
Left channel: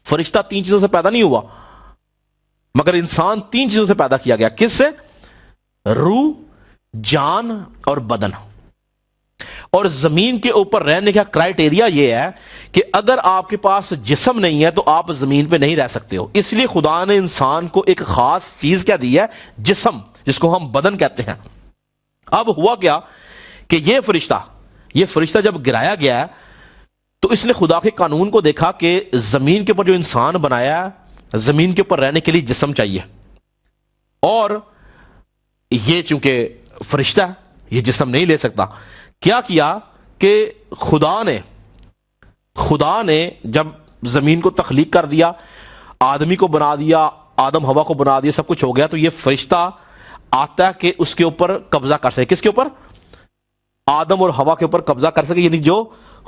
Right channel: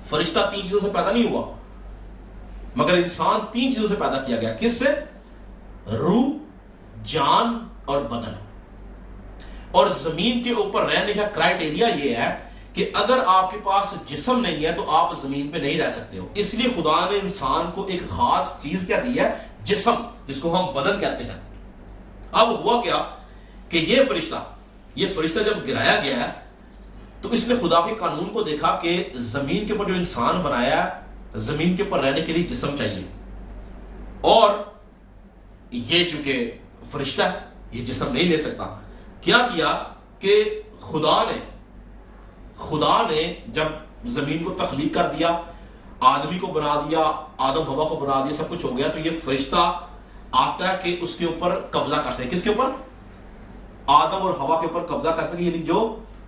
فرشتہ 3 چیزوں سے پیدا نہیں ہوا، مگر انسان 3 چیزوں سے پیدا کیا گیا. کس سے؟ روح، جان اور بدن. اور زمین کے اوپر رہنے کا کرائٹیریا یہ ہے کہ اگر آپ کے پاس جسم نہیں ہے تو آپ زمین پہ نہیں رہ سکتے ہو. اس لیے خدا نے انسان کو ایک خاص چیز کیا دی ہے؟ جسم، جس کو ہم بدن کہتے ہیں. اب ہوا کیا کہ یہ فرشتہ جب گرایا گیا ہے تو اس نے خدا کے قانون کو دیکھا کہ زمین کے اوپر جو انسان بنایا ہے، زمین کے اوپر رہنے کے لیے جسم چاہیے، اور یہ چونکہ فرشتہ ہے یہ جسم نہیں لے سکتا. کیا کہ خدا نے جب زمین کو تخلیق کر دیا، آدمی کو بنا دیا، آدم ہوا کو بنا دیا، سب کچھ ہو گیا، تو یہ فرشتہ آتا ہے کہ اس کے اوپر قبضہ کر سکے. کس کے اوپر؟ آدم اور ہوا کے اوپر قبضہ کر سکے. یعنی جو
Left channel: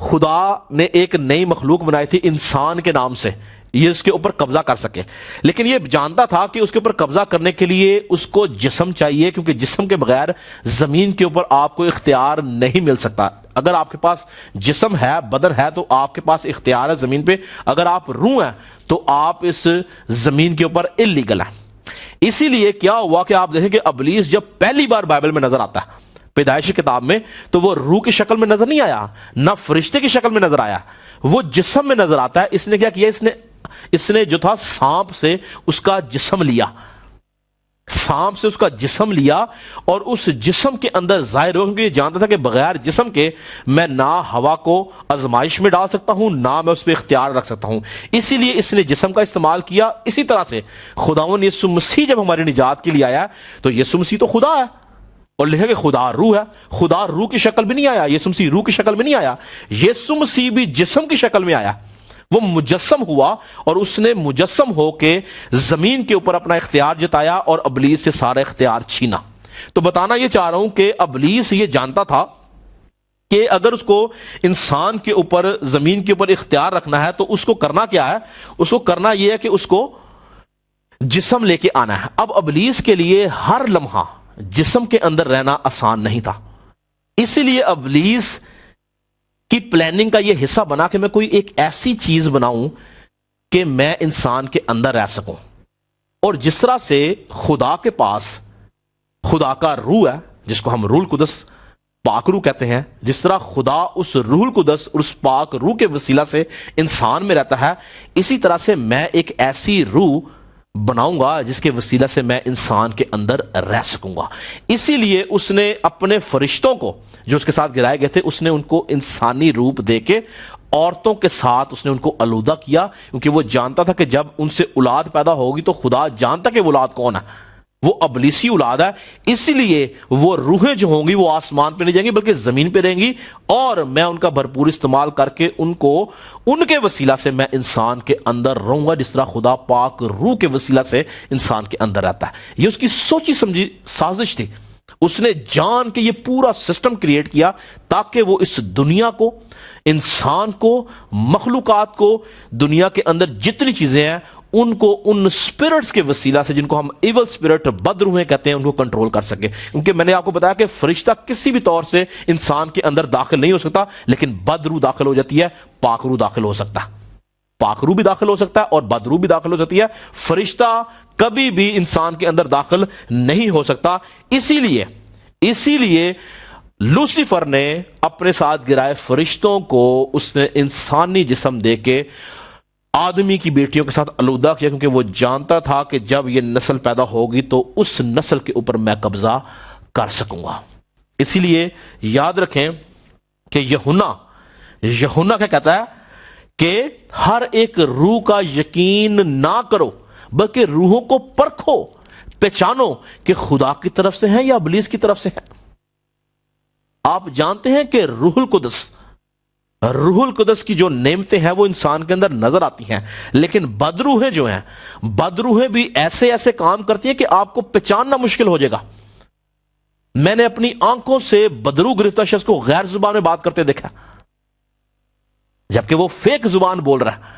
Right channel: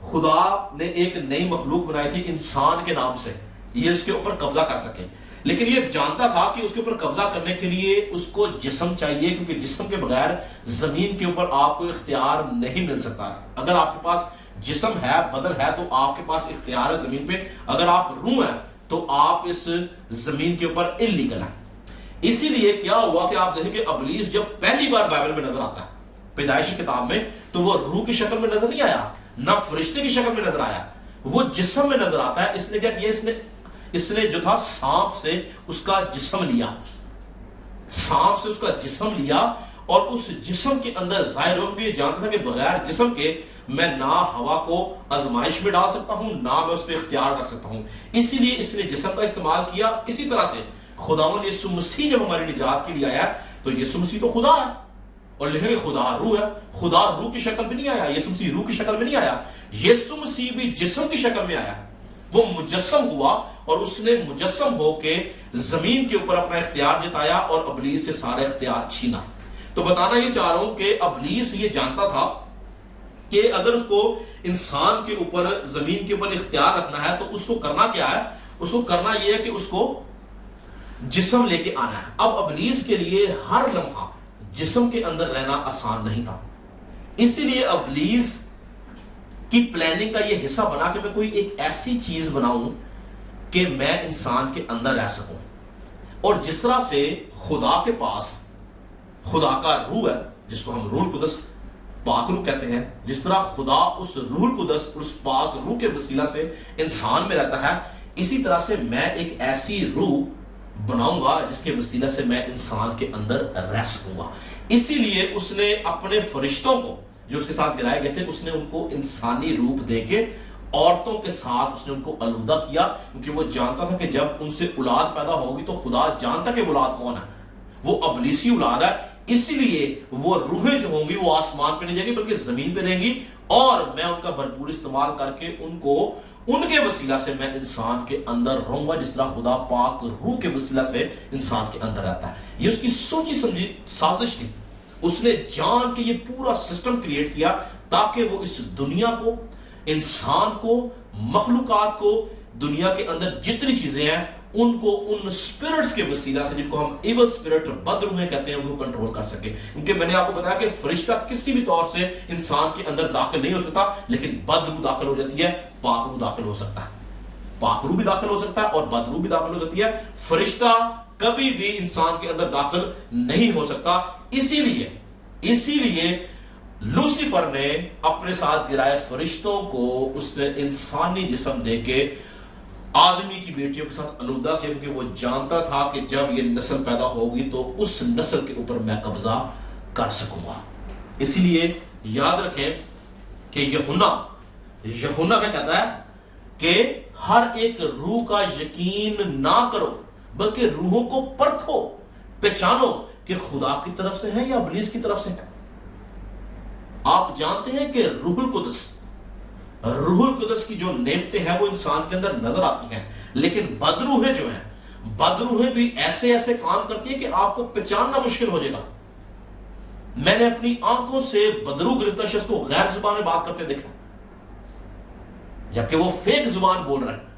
خدا نے ایک نئی مخلوق بنائی تھی انسان کے نام سے، یہ اس کے اوپر قبضہ کر سکے. لیکن یہ جانتا تھا کہ اس کے اوپر قبضہ کرنے کے لیے اس کو جسم چاہیے، کیونکہ جسم کے بغیر زمین کے اوپر آپ کو اختیار نہیں مل سکتا. اگر آپ کے پاس جسم ہے، بدن ہے، تو آپ کے پاس اختیار ہے زمین پہ. اگر آپ روح ہیں تو آپ اس زمین کے اوپر اللیگل ہیں. اسی لیے کیا ہوا کہ آپ دیکھیں کہ ابلیس جب پہلی بار بائبل میں نظر آتا ہے، پیدائش کتاب میں، تو وہ روح کی شکل میں نظر نہیں آیا، نہ فرشتے کی شکل میں نظر آیا، وہ جسم میں نظر آتا ہے. اس نے کیا کیا؟ اس نے جو تھا سانپ سے اس کا جسم لیا، سانپ سے اس کا جسم لیا، اور اس جسم کے اندر ظاہر ہو، کیونکہ یہ جانتا تھا کہ بغیر جسم کے میں نہ ہوا کو آزمائش میں ڈال سکتا ہوں، نہ میں اس پہ اختیار رکھ سکتا ہوں. اسی لیے اس نے جسم کا استعمال کیا. اسی طرح سے خداوند یسوع مسیح جب ہماری نجات کے لیے آیا تو یسوع مسیح تو خدا ہے، اور لکھا کہ خدا روح ہے. خدا روح کی شکل میں نہیں آیا، یسوع مسیح روح کی شکل میں نہیں آیا، یسوع مسیح بھی جسم کی شکل میں آیا. وہ مجسم ہوا، اور اس نے مجسم ہو کے زمین کے اوپر اپنا اختیار جتایا اور ابلیس سے سارا اختیار چھینا. تو بتانا یہ چاہ رہا ہوں کہ ابلیس یہ جانتا تھا کہ اگر اس کو انسان کے اوپر، زمین کے اوپر اختیار رکھنا ہے تو اس کو کرنا کیا ہے؟ اس کو کرنا یہ ہے کہ اس کو جسم لے کے آنا ہے. اب ابلیس کے لیے ہر لمحہ جسم کے اندر رہنا آسان نہیں تھا. اسی لیے ابلیس کی پلاننگ کا یہ حصہ بنا کہ میں کوئی ایک ایسی چیز بناؤں کہ میں انسان کے اندر رہ سکوں. اور جس طرح سے خدا کے پاس خدا کا روح ہے، جس کو ہم روح القدس، پاک روح کہتے ہیں، جس طرح خدا اس روح القدس اور اس پاک روح کے وسیلہ سے انسان میں رہتا ہے، اسی طرح سے میں ایک ایسی روح بناؤں گا جس کے وسیلہ سے میں انسان کے اندر رہ سکوں گا. اسی لیے اس نے اپنے فرشتوں کو جو اس کے ساتھ گرائے گئے تھے، اس نے ان کو انسانی روپ دے کے عورتوں کے ساتھ اس نے ان کو آلودہ کیا، کیونکہ وہ جانتا تھا کہ جب ان سے اولاد پیدا ہوگی تو خدا جانتا کہ وہ اولاد کون ہے، وہ ابلیسی اولاد ہے. اسی لیے وہ روحیں جو ہوں گی وہ آسمان پہ نہیں جائیں گی بلکہ زمین پہ رہیں گی، اور میں ان کا بھرپور استعمال کر کے ان کو، ان کے وسیلہ سے میں انسان کے اندر رہوں گا، جس طرح خدا پاک روح کے وسیلہ سے انسان کے اندر رہتا ہے. یہ اس کی سوچی سمجھی سازش تھی. اس نے جان کے یہ پورا سسٹم کریٹ کیا تاکہ وہ اس دنیا کو، انسان کو، مخلوقات کو، دنیا کے اندر جتنی چیزیں ہیں ان کو ان سپرٹس کے وسیلہ سے، جن کو ہم ایول سپرٹ، بد روحیں کہتے ہیں، ان کو کنٹرول کر سکے. کیونکہ میں نے آپ کو بتایا کہ فرشتہ کسی بھی طور سے انسان کے اندر داخل نہیں ہو سکتا، لیکن بد روح داخل ہو جاتی ہے، پاک روح داخل ہو سکتا ہے. پاک روح بھی داخل ہو سکتا ہے اور بد روح بھی داخل ہو جاتی ہے. فرشتہ کبھی بھی انسان کے اندر داخل نہیں ہو سکتا. اسی لیے لوسیفر نے اپنے ساتھ گرائے فرشتوں کو اس نے انسانی جسم دے کے آدمی کی بیٹیوں کے ساتھ آلودہ کیا، کیونکہ وہ جانتا تھا کہ جب یہ نسل پیدا ہوگی تو اس نسل کے اوپر میں قبضہ کر سکوں گا. اسی لیے یاد رکھیں کہ یہونا کیا کہتا ہے کہ ہر ایک روح کا یقین نہ کرو بلکہ روحوں کو پرکھو، پہچانو کہ خدا کی طرف سے ہیں یا ابلیس کی طرف سے ہیں. آپ جانتے ہیں کہ روح القدس کی جو نعمتیں ہیں وہ انسان کے اندر نظر آتی ہیں، لیکن بدروحیں جو ہیں، بدروحیں بھی ایسے کام کرتی ہیں کہ آپ کو پہچاننا مشکل ہو جائے گا. میں نے اپنی آنکھوں سے بدرو گرفتہ شخص کو غیر زبان میں بات کرتے دیکھا، جبکہ وہ فیک زبان بول رہا ہے،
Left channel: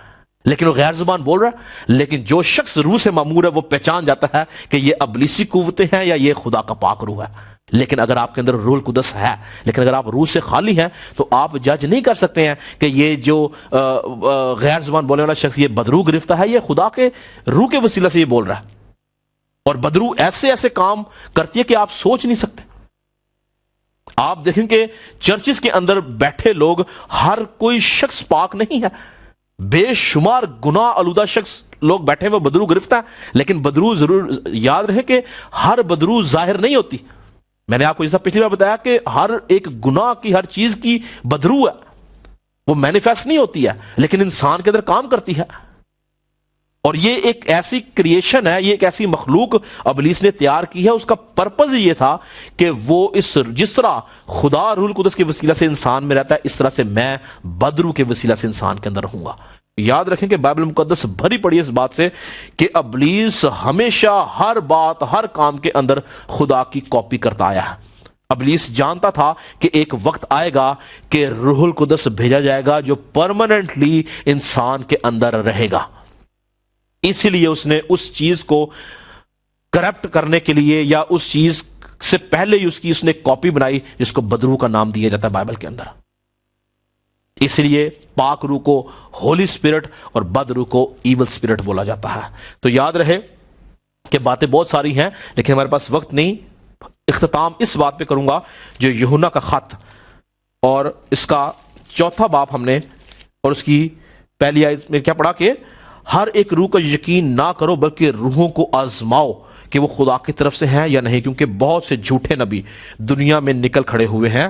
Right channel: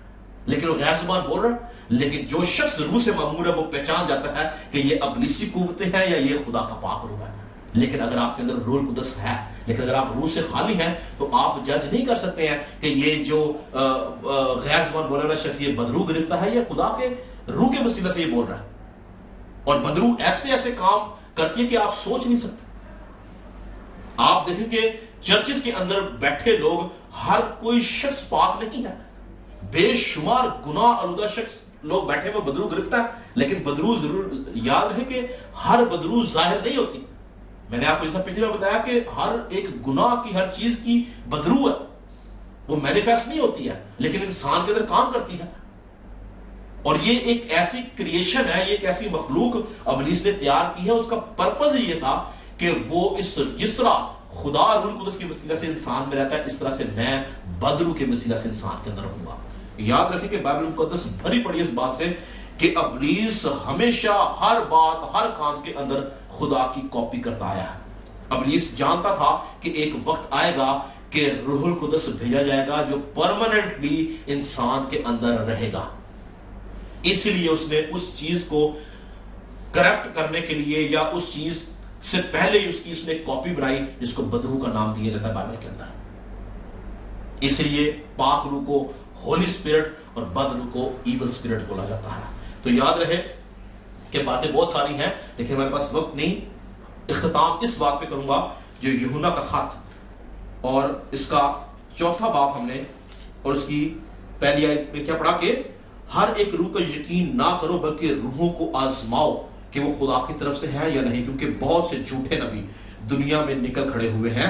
لیکن وہ غیر زبان بول رہا ہے۔ لیکن جو شخص روح سے معمور ہے وہ پہچان جاتا ہے کہ یہ ابلیسی قوتیں ہیں یا یہ خدا کا پاک روح ہے۔ لیکن اگر آپ کے اندر روح القدس ہے، لیکن اگر آپ روح سے خالی ہیں، تو آپ جج نہیں کر سکتے ہیں کہ یہ جو غیر زبان بولنے والا شخص یہ بدرو گرفتہ ہے، یہ خدا کے روح کے وسیلہ سے یہ بول رہا ہے۔ اور بدرو ایسے ایسے کام کرتی ہے کہ آپ سوچ نہیں سکتے۔ آپ دیکھیں کہ چرچز کے اندر بیٹھے لوگ ہر کوئی شخص پاک نہیں ہے، بے شمار گناہ آلودہ شخص لوگ بیٹھے ہیں وہ بدرو گرفتہ ہیں، لیکن بدرو ضرور یاد رہے کہ ہر بدرو ظاہر نہیں ہوتی۔ میں نے آپ کو جیسا پچھلی بار بتایا کہ ہر ایک گناہ کی ہر چیز کی بدرو ہے، وہ مینیفیسٹ نہیں ہوتی ہے، لیکن انسان کے اندر کام کرتی ہے۔ اور یہ ایک ایسی کریشن ہے، یہ ایک ایسی مخلوق ابلیس نے تیار کی ہے، اس کا پرپز یہ تھا کہ وہ جس طرح خدا روح القدس کے وسیلہ سے انسان میں رہتا ہے، اس طرح سے میں بدرو کے وسیلہ سے انسان کے اندر رہوں گا۔ یاد رکھیں کہ بائبل مقدس بھری پڑی ہے اس بات سے کہ ابلیس ہمیشہ ہر بات ہر کام کے اندر خدا کی کاپی کرتا آیا ہے۔ ابلیس جانتا تھا کہ ایک وقت آئے گا کہ روح القدس بھیجا جائے گا جو پرماننٹلی انسان کے اندر رہے گا، اسی لیے اس نے اس چیز کو کرپٹ کرنے کے لیے یا اس چیز سے پہلے ہی اس نے کاپی بنائی جس کو بدروح کا نام دیا جاتا ہے بائبل کے اندر۔ اس لیے پاک روح کو ہولی اسپرٹ اور بد روح کو ایول اسپرٹ بولا جاتا ہے۔ تو یاد رہے کہ باتیں بہت ساری ہیں لیکن ہمارے پاس وقت نہیں۔ اختتام اس بات پہ کروں گا جو یوحنا کا خط اور اس کا 4 باب ہم نے اور اس کی پہلی آیت میں کیا پڑھا کہ ہر ایک روح کا یقین نہ کرو بلکہ روحوں کو آزماؤ کہ وہ خدا کی طرف سے ہیں یا نہیں، کیونکہ بہت سے جھوٹے نبی دنیا میں نکل کھڑے ہوئے ہیں۔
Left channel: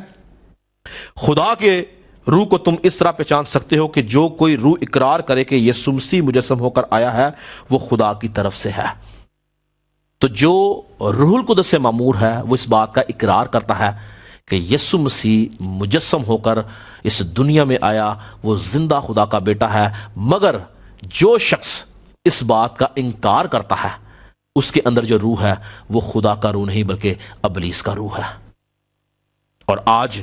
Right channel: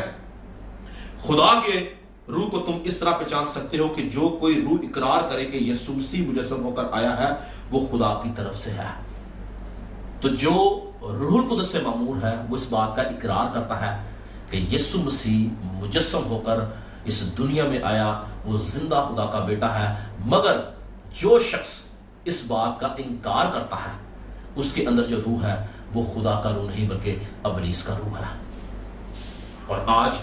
خدا کے روح کو تم اس طرح پہچان سکتے ہو کہ جو کوئی روح اقرار کرے کہ یسوع مسیح مجسم ہو کر آیا ہے وہ خدا کی طرف سے ہے۔ تو جو روح القدس سے معمور ہے وہ اس بات کا اقرار کرتا ہے کہ یسوع مسیح مجسم ہو کر اس دنیا میں آیا، وہ زندہ خدا کا بیٹا ہے۔ مگر جو شخص اس بات کا انکار کرتا ہے اس کے اندر جو روح ہے وہ خدا کا روح نہیں بلکہ ابلیس کا روح ہے۔ اور آج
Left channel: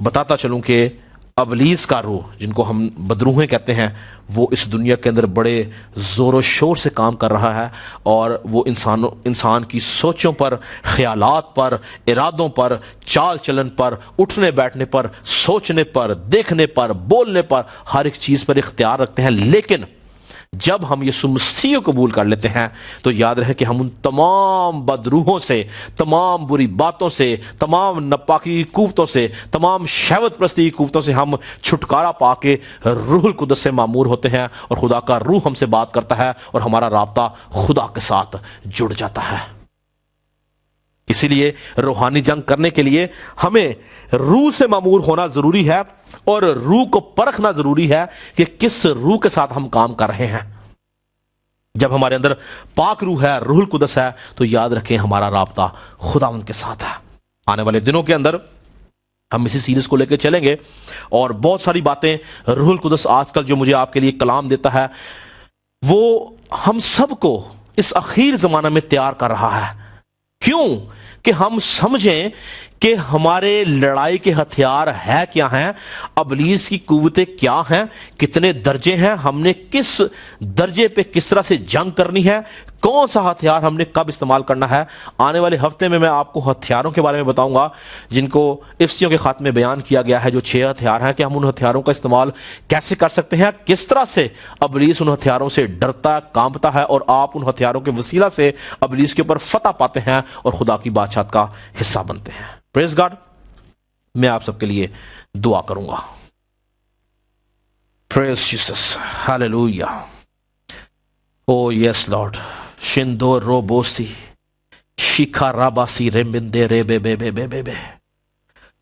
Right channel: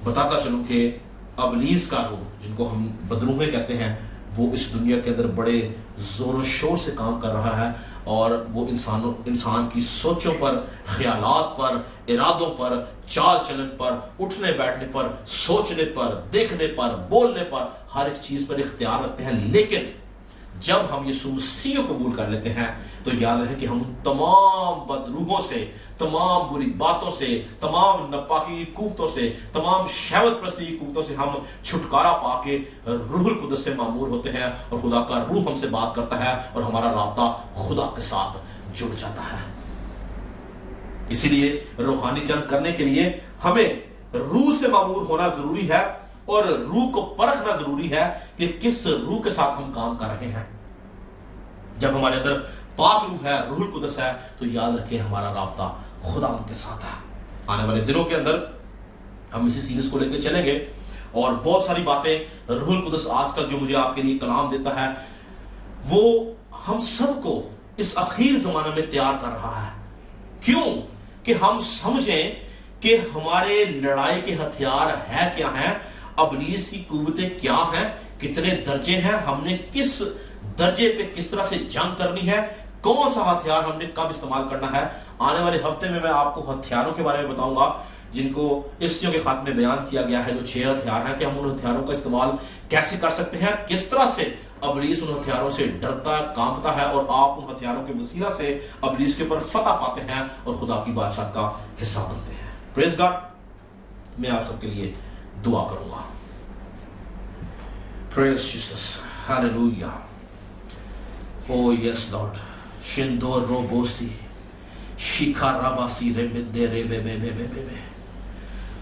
بتاتا چلوں کہ ابلیس کا روح جن کو ہم بدروہیں کہتے ہیں وہ اس دنیا کے اندر بڑے زور و شور سے کام کر رہا ہے، اور وہ انسان کی سوچوں پر، خیالات پر، ارادوں پر، چال چلن پر، اٹھنے بیٹھنے پر، سوچنے پر، دیکھنے پر، بولنے پر، ہر ایک چیز پر اختیار رکھتے ہیں۔ لیکن جب ہم یسوع مسیح کو قبول کر لیتے ہیں تو یاد رہے کہ ہم ان تمام بدروحوں سے، تمام بری باتوں سے، تمام ناپاکی کی قوتوں سے، تمام شہوت پرستی کی قوتوں سے ہم چھٹکارا پا کے روح القدس سے معمور ہوتے ہیں، اور خدا کا روح ہم سے بات کرتا ہے اور ہمارا رابطہ خدا کے ساتھ جڑ جاتا ہے۔ اسی لیے روحانی جنگ کرنے کے لیے ہمیں روح سے معمور ہونا ضروری ہے، اور روح کو پرکھنا ضروری ہے کہ کس روح کے ساتھ ہم کام کر رہے ہیں۔ جب ہمارے اندر پاک روح ہے، روح القدس ہے، تو یاد رکھیں ہمارا رابطہ خدا ان کے ساتھ ہے۔ آنے والے دنوں کے اندر ہم اسی سیریز کو لے کے چلیں گے، اور بہت ساری باتیں روح القدس آج کل جو مجھے آپ کے لیے کلام دیتا ہے وہ ہم سب کو اس اخیر زمانہ میں تیار کر رہا ہے۔ کیوں؟ کہ ہم سمجھیں کہ ہمارے لڑائی کے ہتھیار ہے کیا ہیں، ابلیس کی قوتیں کیا ہیں، کتنے درجے ہیں، ہم نے کس درجے پہ کس طرح سے جنگ کرنی ہے، کون سا ہتھیار ہم نے کب استعمال کرنا ہے۔ آنے والے ہفتے میں آپ کو ہتھیاروں کے بارے میں بتاؤں گا جن کو افسیوں کے خط میں بیان کیا گیا ہے، جو 6 ہتھیار ہیں کہ ہم ان ہتھیاروں کا استعمال کیسے کر سکتے ہیں، کس طرح سے ابلیس ان ہتھیاروں سے ڈرتا کانپتا ہے، اور آپ ان ہتھیاروں کے وسیلہ سے ابلیس کے اوپر فتح پاتے ہیں اور خدا کی بادشاہت کا حصہ بنتے ہیں۔ پریز گاڈ۔ میں آپ سب کے لیے دعا کروں گا۔ پریز جیسس، ہاللویا۔ او یس لارڈ، شندو روبوسی شیکھا راباسی ریمبندے رے بے بے بے بے بے بے۔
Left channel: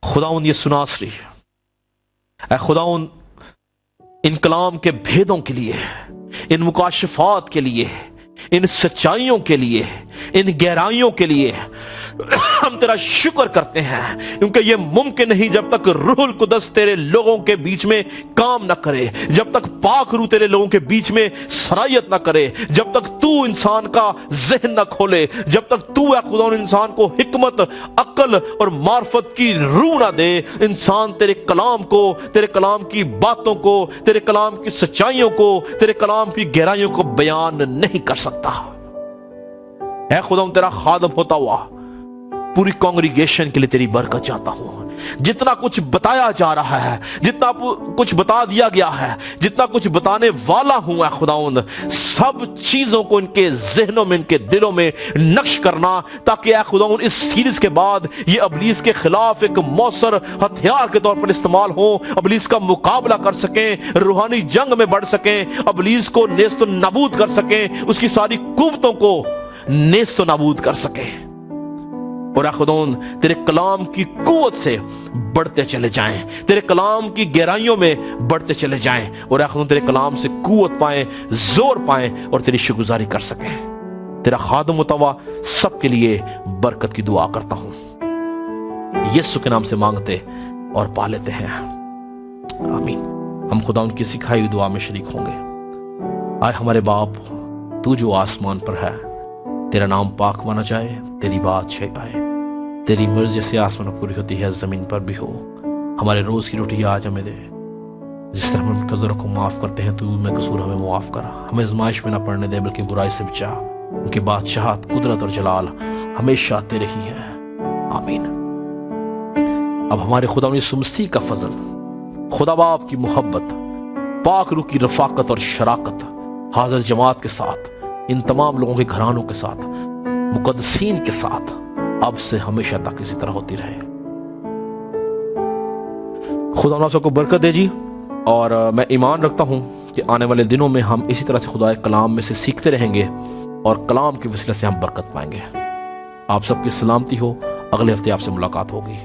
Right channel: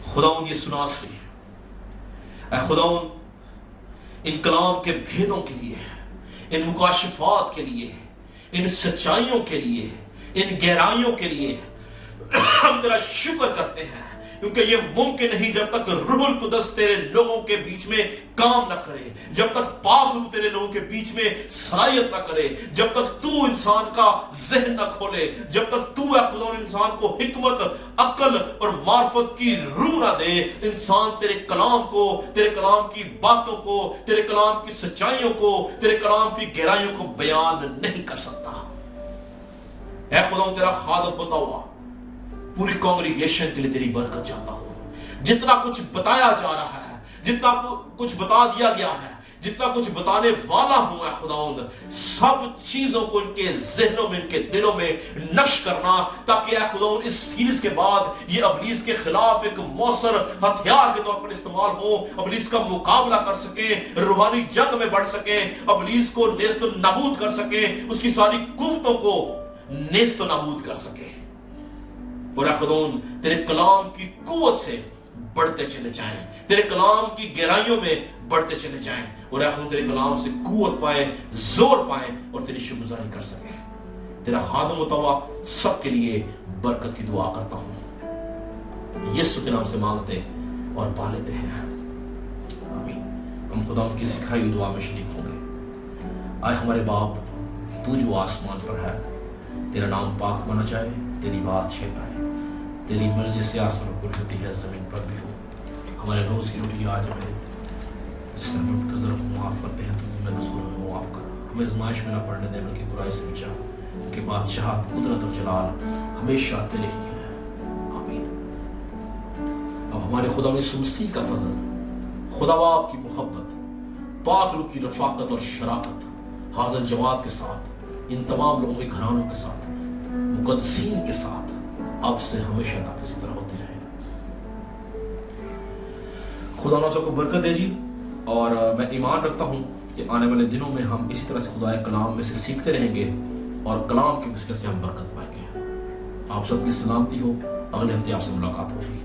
خداوند یہ سناسری، اے خداوند ان کلام کے بھیدوں کے لیے، ان مکاشفات کے لیے، ان سچائیوں کے لیے، ان گہرائیوں کے لیے ہم تیرا شکر کرتے ہیں کیونکہ یہ ممکن نہیں جب تک روح القدس تیرے لوگوں کے بیچ میں کام نہ کرے، جب تک پاک روح تیرے لوگوں کے بیچ میں سرایت نہ کرے، جب تک تو انسان کا ذہن نہ کھولے، جب تک تو اے خدا انسان کو حکمت، عقل اور معرفت کی روح نہ دے، انسان تیرے کلام کو، تیرے کلام کی باتوں کو، تیرے کلام کی سچائیوں کو، تیرے کلام کی گہرائیوں کو بیان نہیں کر سکتا۔ اے خدا تیرا خادم ہوتا ہوا پوری کانگریگیشن کے لیے تیری برکت چاہتا ہوں۔ جتنا کچھ بتایا جا رہا ہے، جتنا کچھ بتا دیا گیا ہے، جتنا کچھ بتانے والا ہوں اے خداوند، سب چیزوں کو ان کے ذہنوں میں، ان کے دلوں میں نقش کرنا، تاکہ اے خداوند اس سیریز کے بعد یہ ابلیس کے خلاف ایک موثر ہتھیار کے طور پر استعمال ہو، ابلیس کا مقابلہ کر سکیں، روحانی جنگ میں بڑھ سکیں، ابلیس کو نیست و نابود کر سکیں، اس کی ساری قوتوں کو نیست و نابود کر سکیں، اور اے خداوند تیرے کلام کی قوت سے بڑھتے چلے جائیں، تیرے کلام کی گہرائیوں میں بڑھتے چلے جائیں، اور اے خداوند تیرے کلام سے قوت پائیں، زور پائیں، اور تیری شکرگزاری کر سکیں۔ تیرا خادم ہوتا ہوا سب کے لیے برکت کی دعا کرتا ہوں، یسوع کے نام سے مانگتے اور پا لیتے ہیں، آمین۔ ہم خداوند کی سکھائی ہوئی دعا میں شریک ہوں گے۔ آئے ہمارے باپ، تو جو آسمان پر ہے، تیرا نام پاک مانا جائے، تیری بادشاہی آئے، تیری مرضی سے آسمان پوری ہوتی ہے، زمین پر بھی ہو۔ ہمارے روز کی روٹی آج ہمیں دے، جس طرح ہم قصوروں کو معاف کرتے ہیں تو میں قصور ہمیں معاف کرا، ہمیں آزمائش میں نہ پڑنے دے بلکہ برائی سے بچا، کیونکہ بادشاہت، قدرت اور جلال ہمیشہ تیرے ہی ہے، آمین۔ اب ہمارے خدا یسوع مسیح کا فضل، خدا باپ کی محبت، پاک روح کی رفاقت اور شراکت حاضر جماعت کے ساتھ، ان تمام لوگوں کے گھرانوں کے ساتھ، مقدسین کے ساتھ اب سے ہمیشہ تک اسی طرح ہوتی رہے۔ خدا آپ سب کو برکت دے جی، اور میں ایمان رکھتا ہوں کہ آنے والے دنوں میں ہم اسی طرح سے خدا کلام میں سے سیکھتے رہیں گے، اور کلام کے وسیلے سے ہم برکت پائیں گے۔ آپ سب کی سلامتی ہو، اگلے ہفتے آپ سے ملاقات ہوگی۔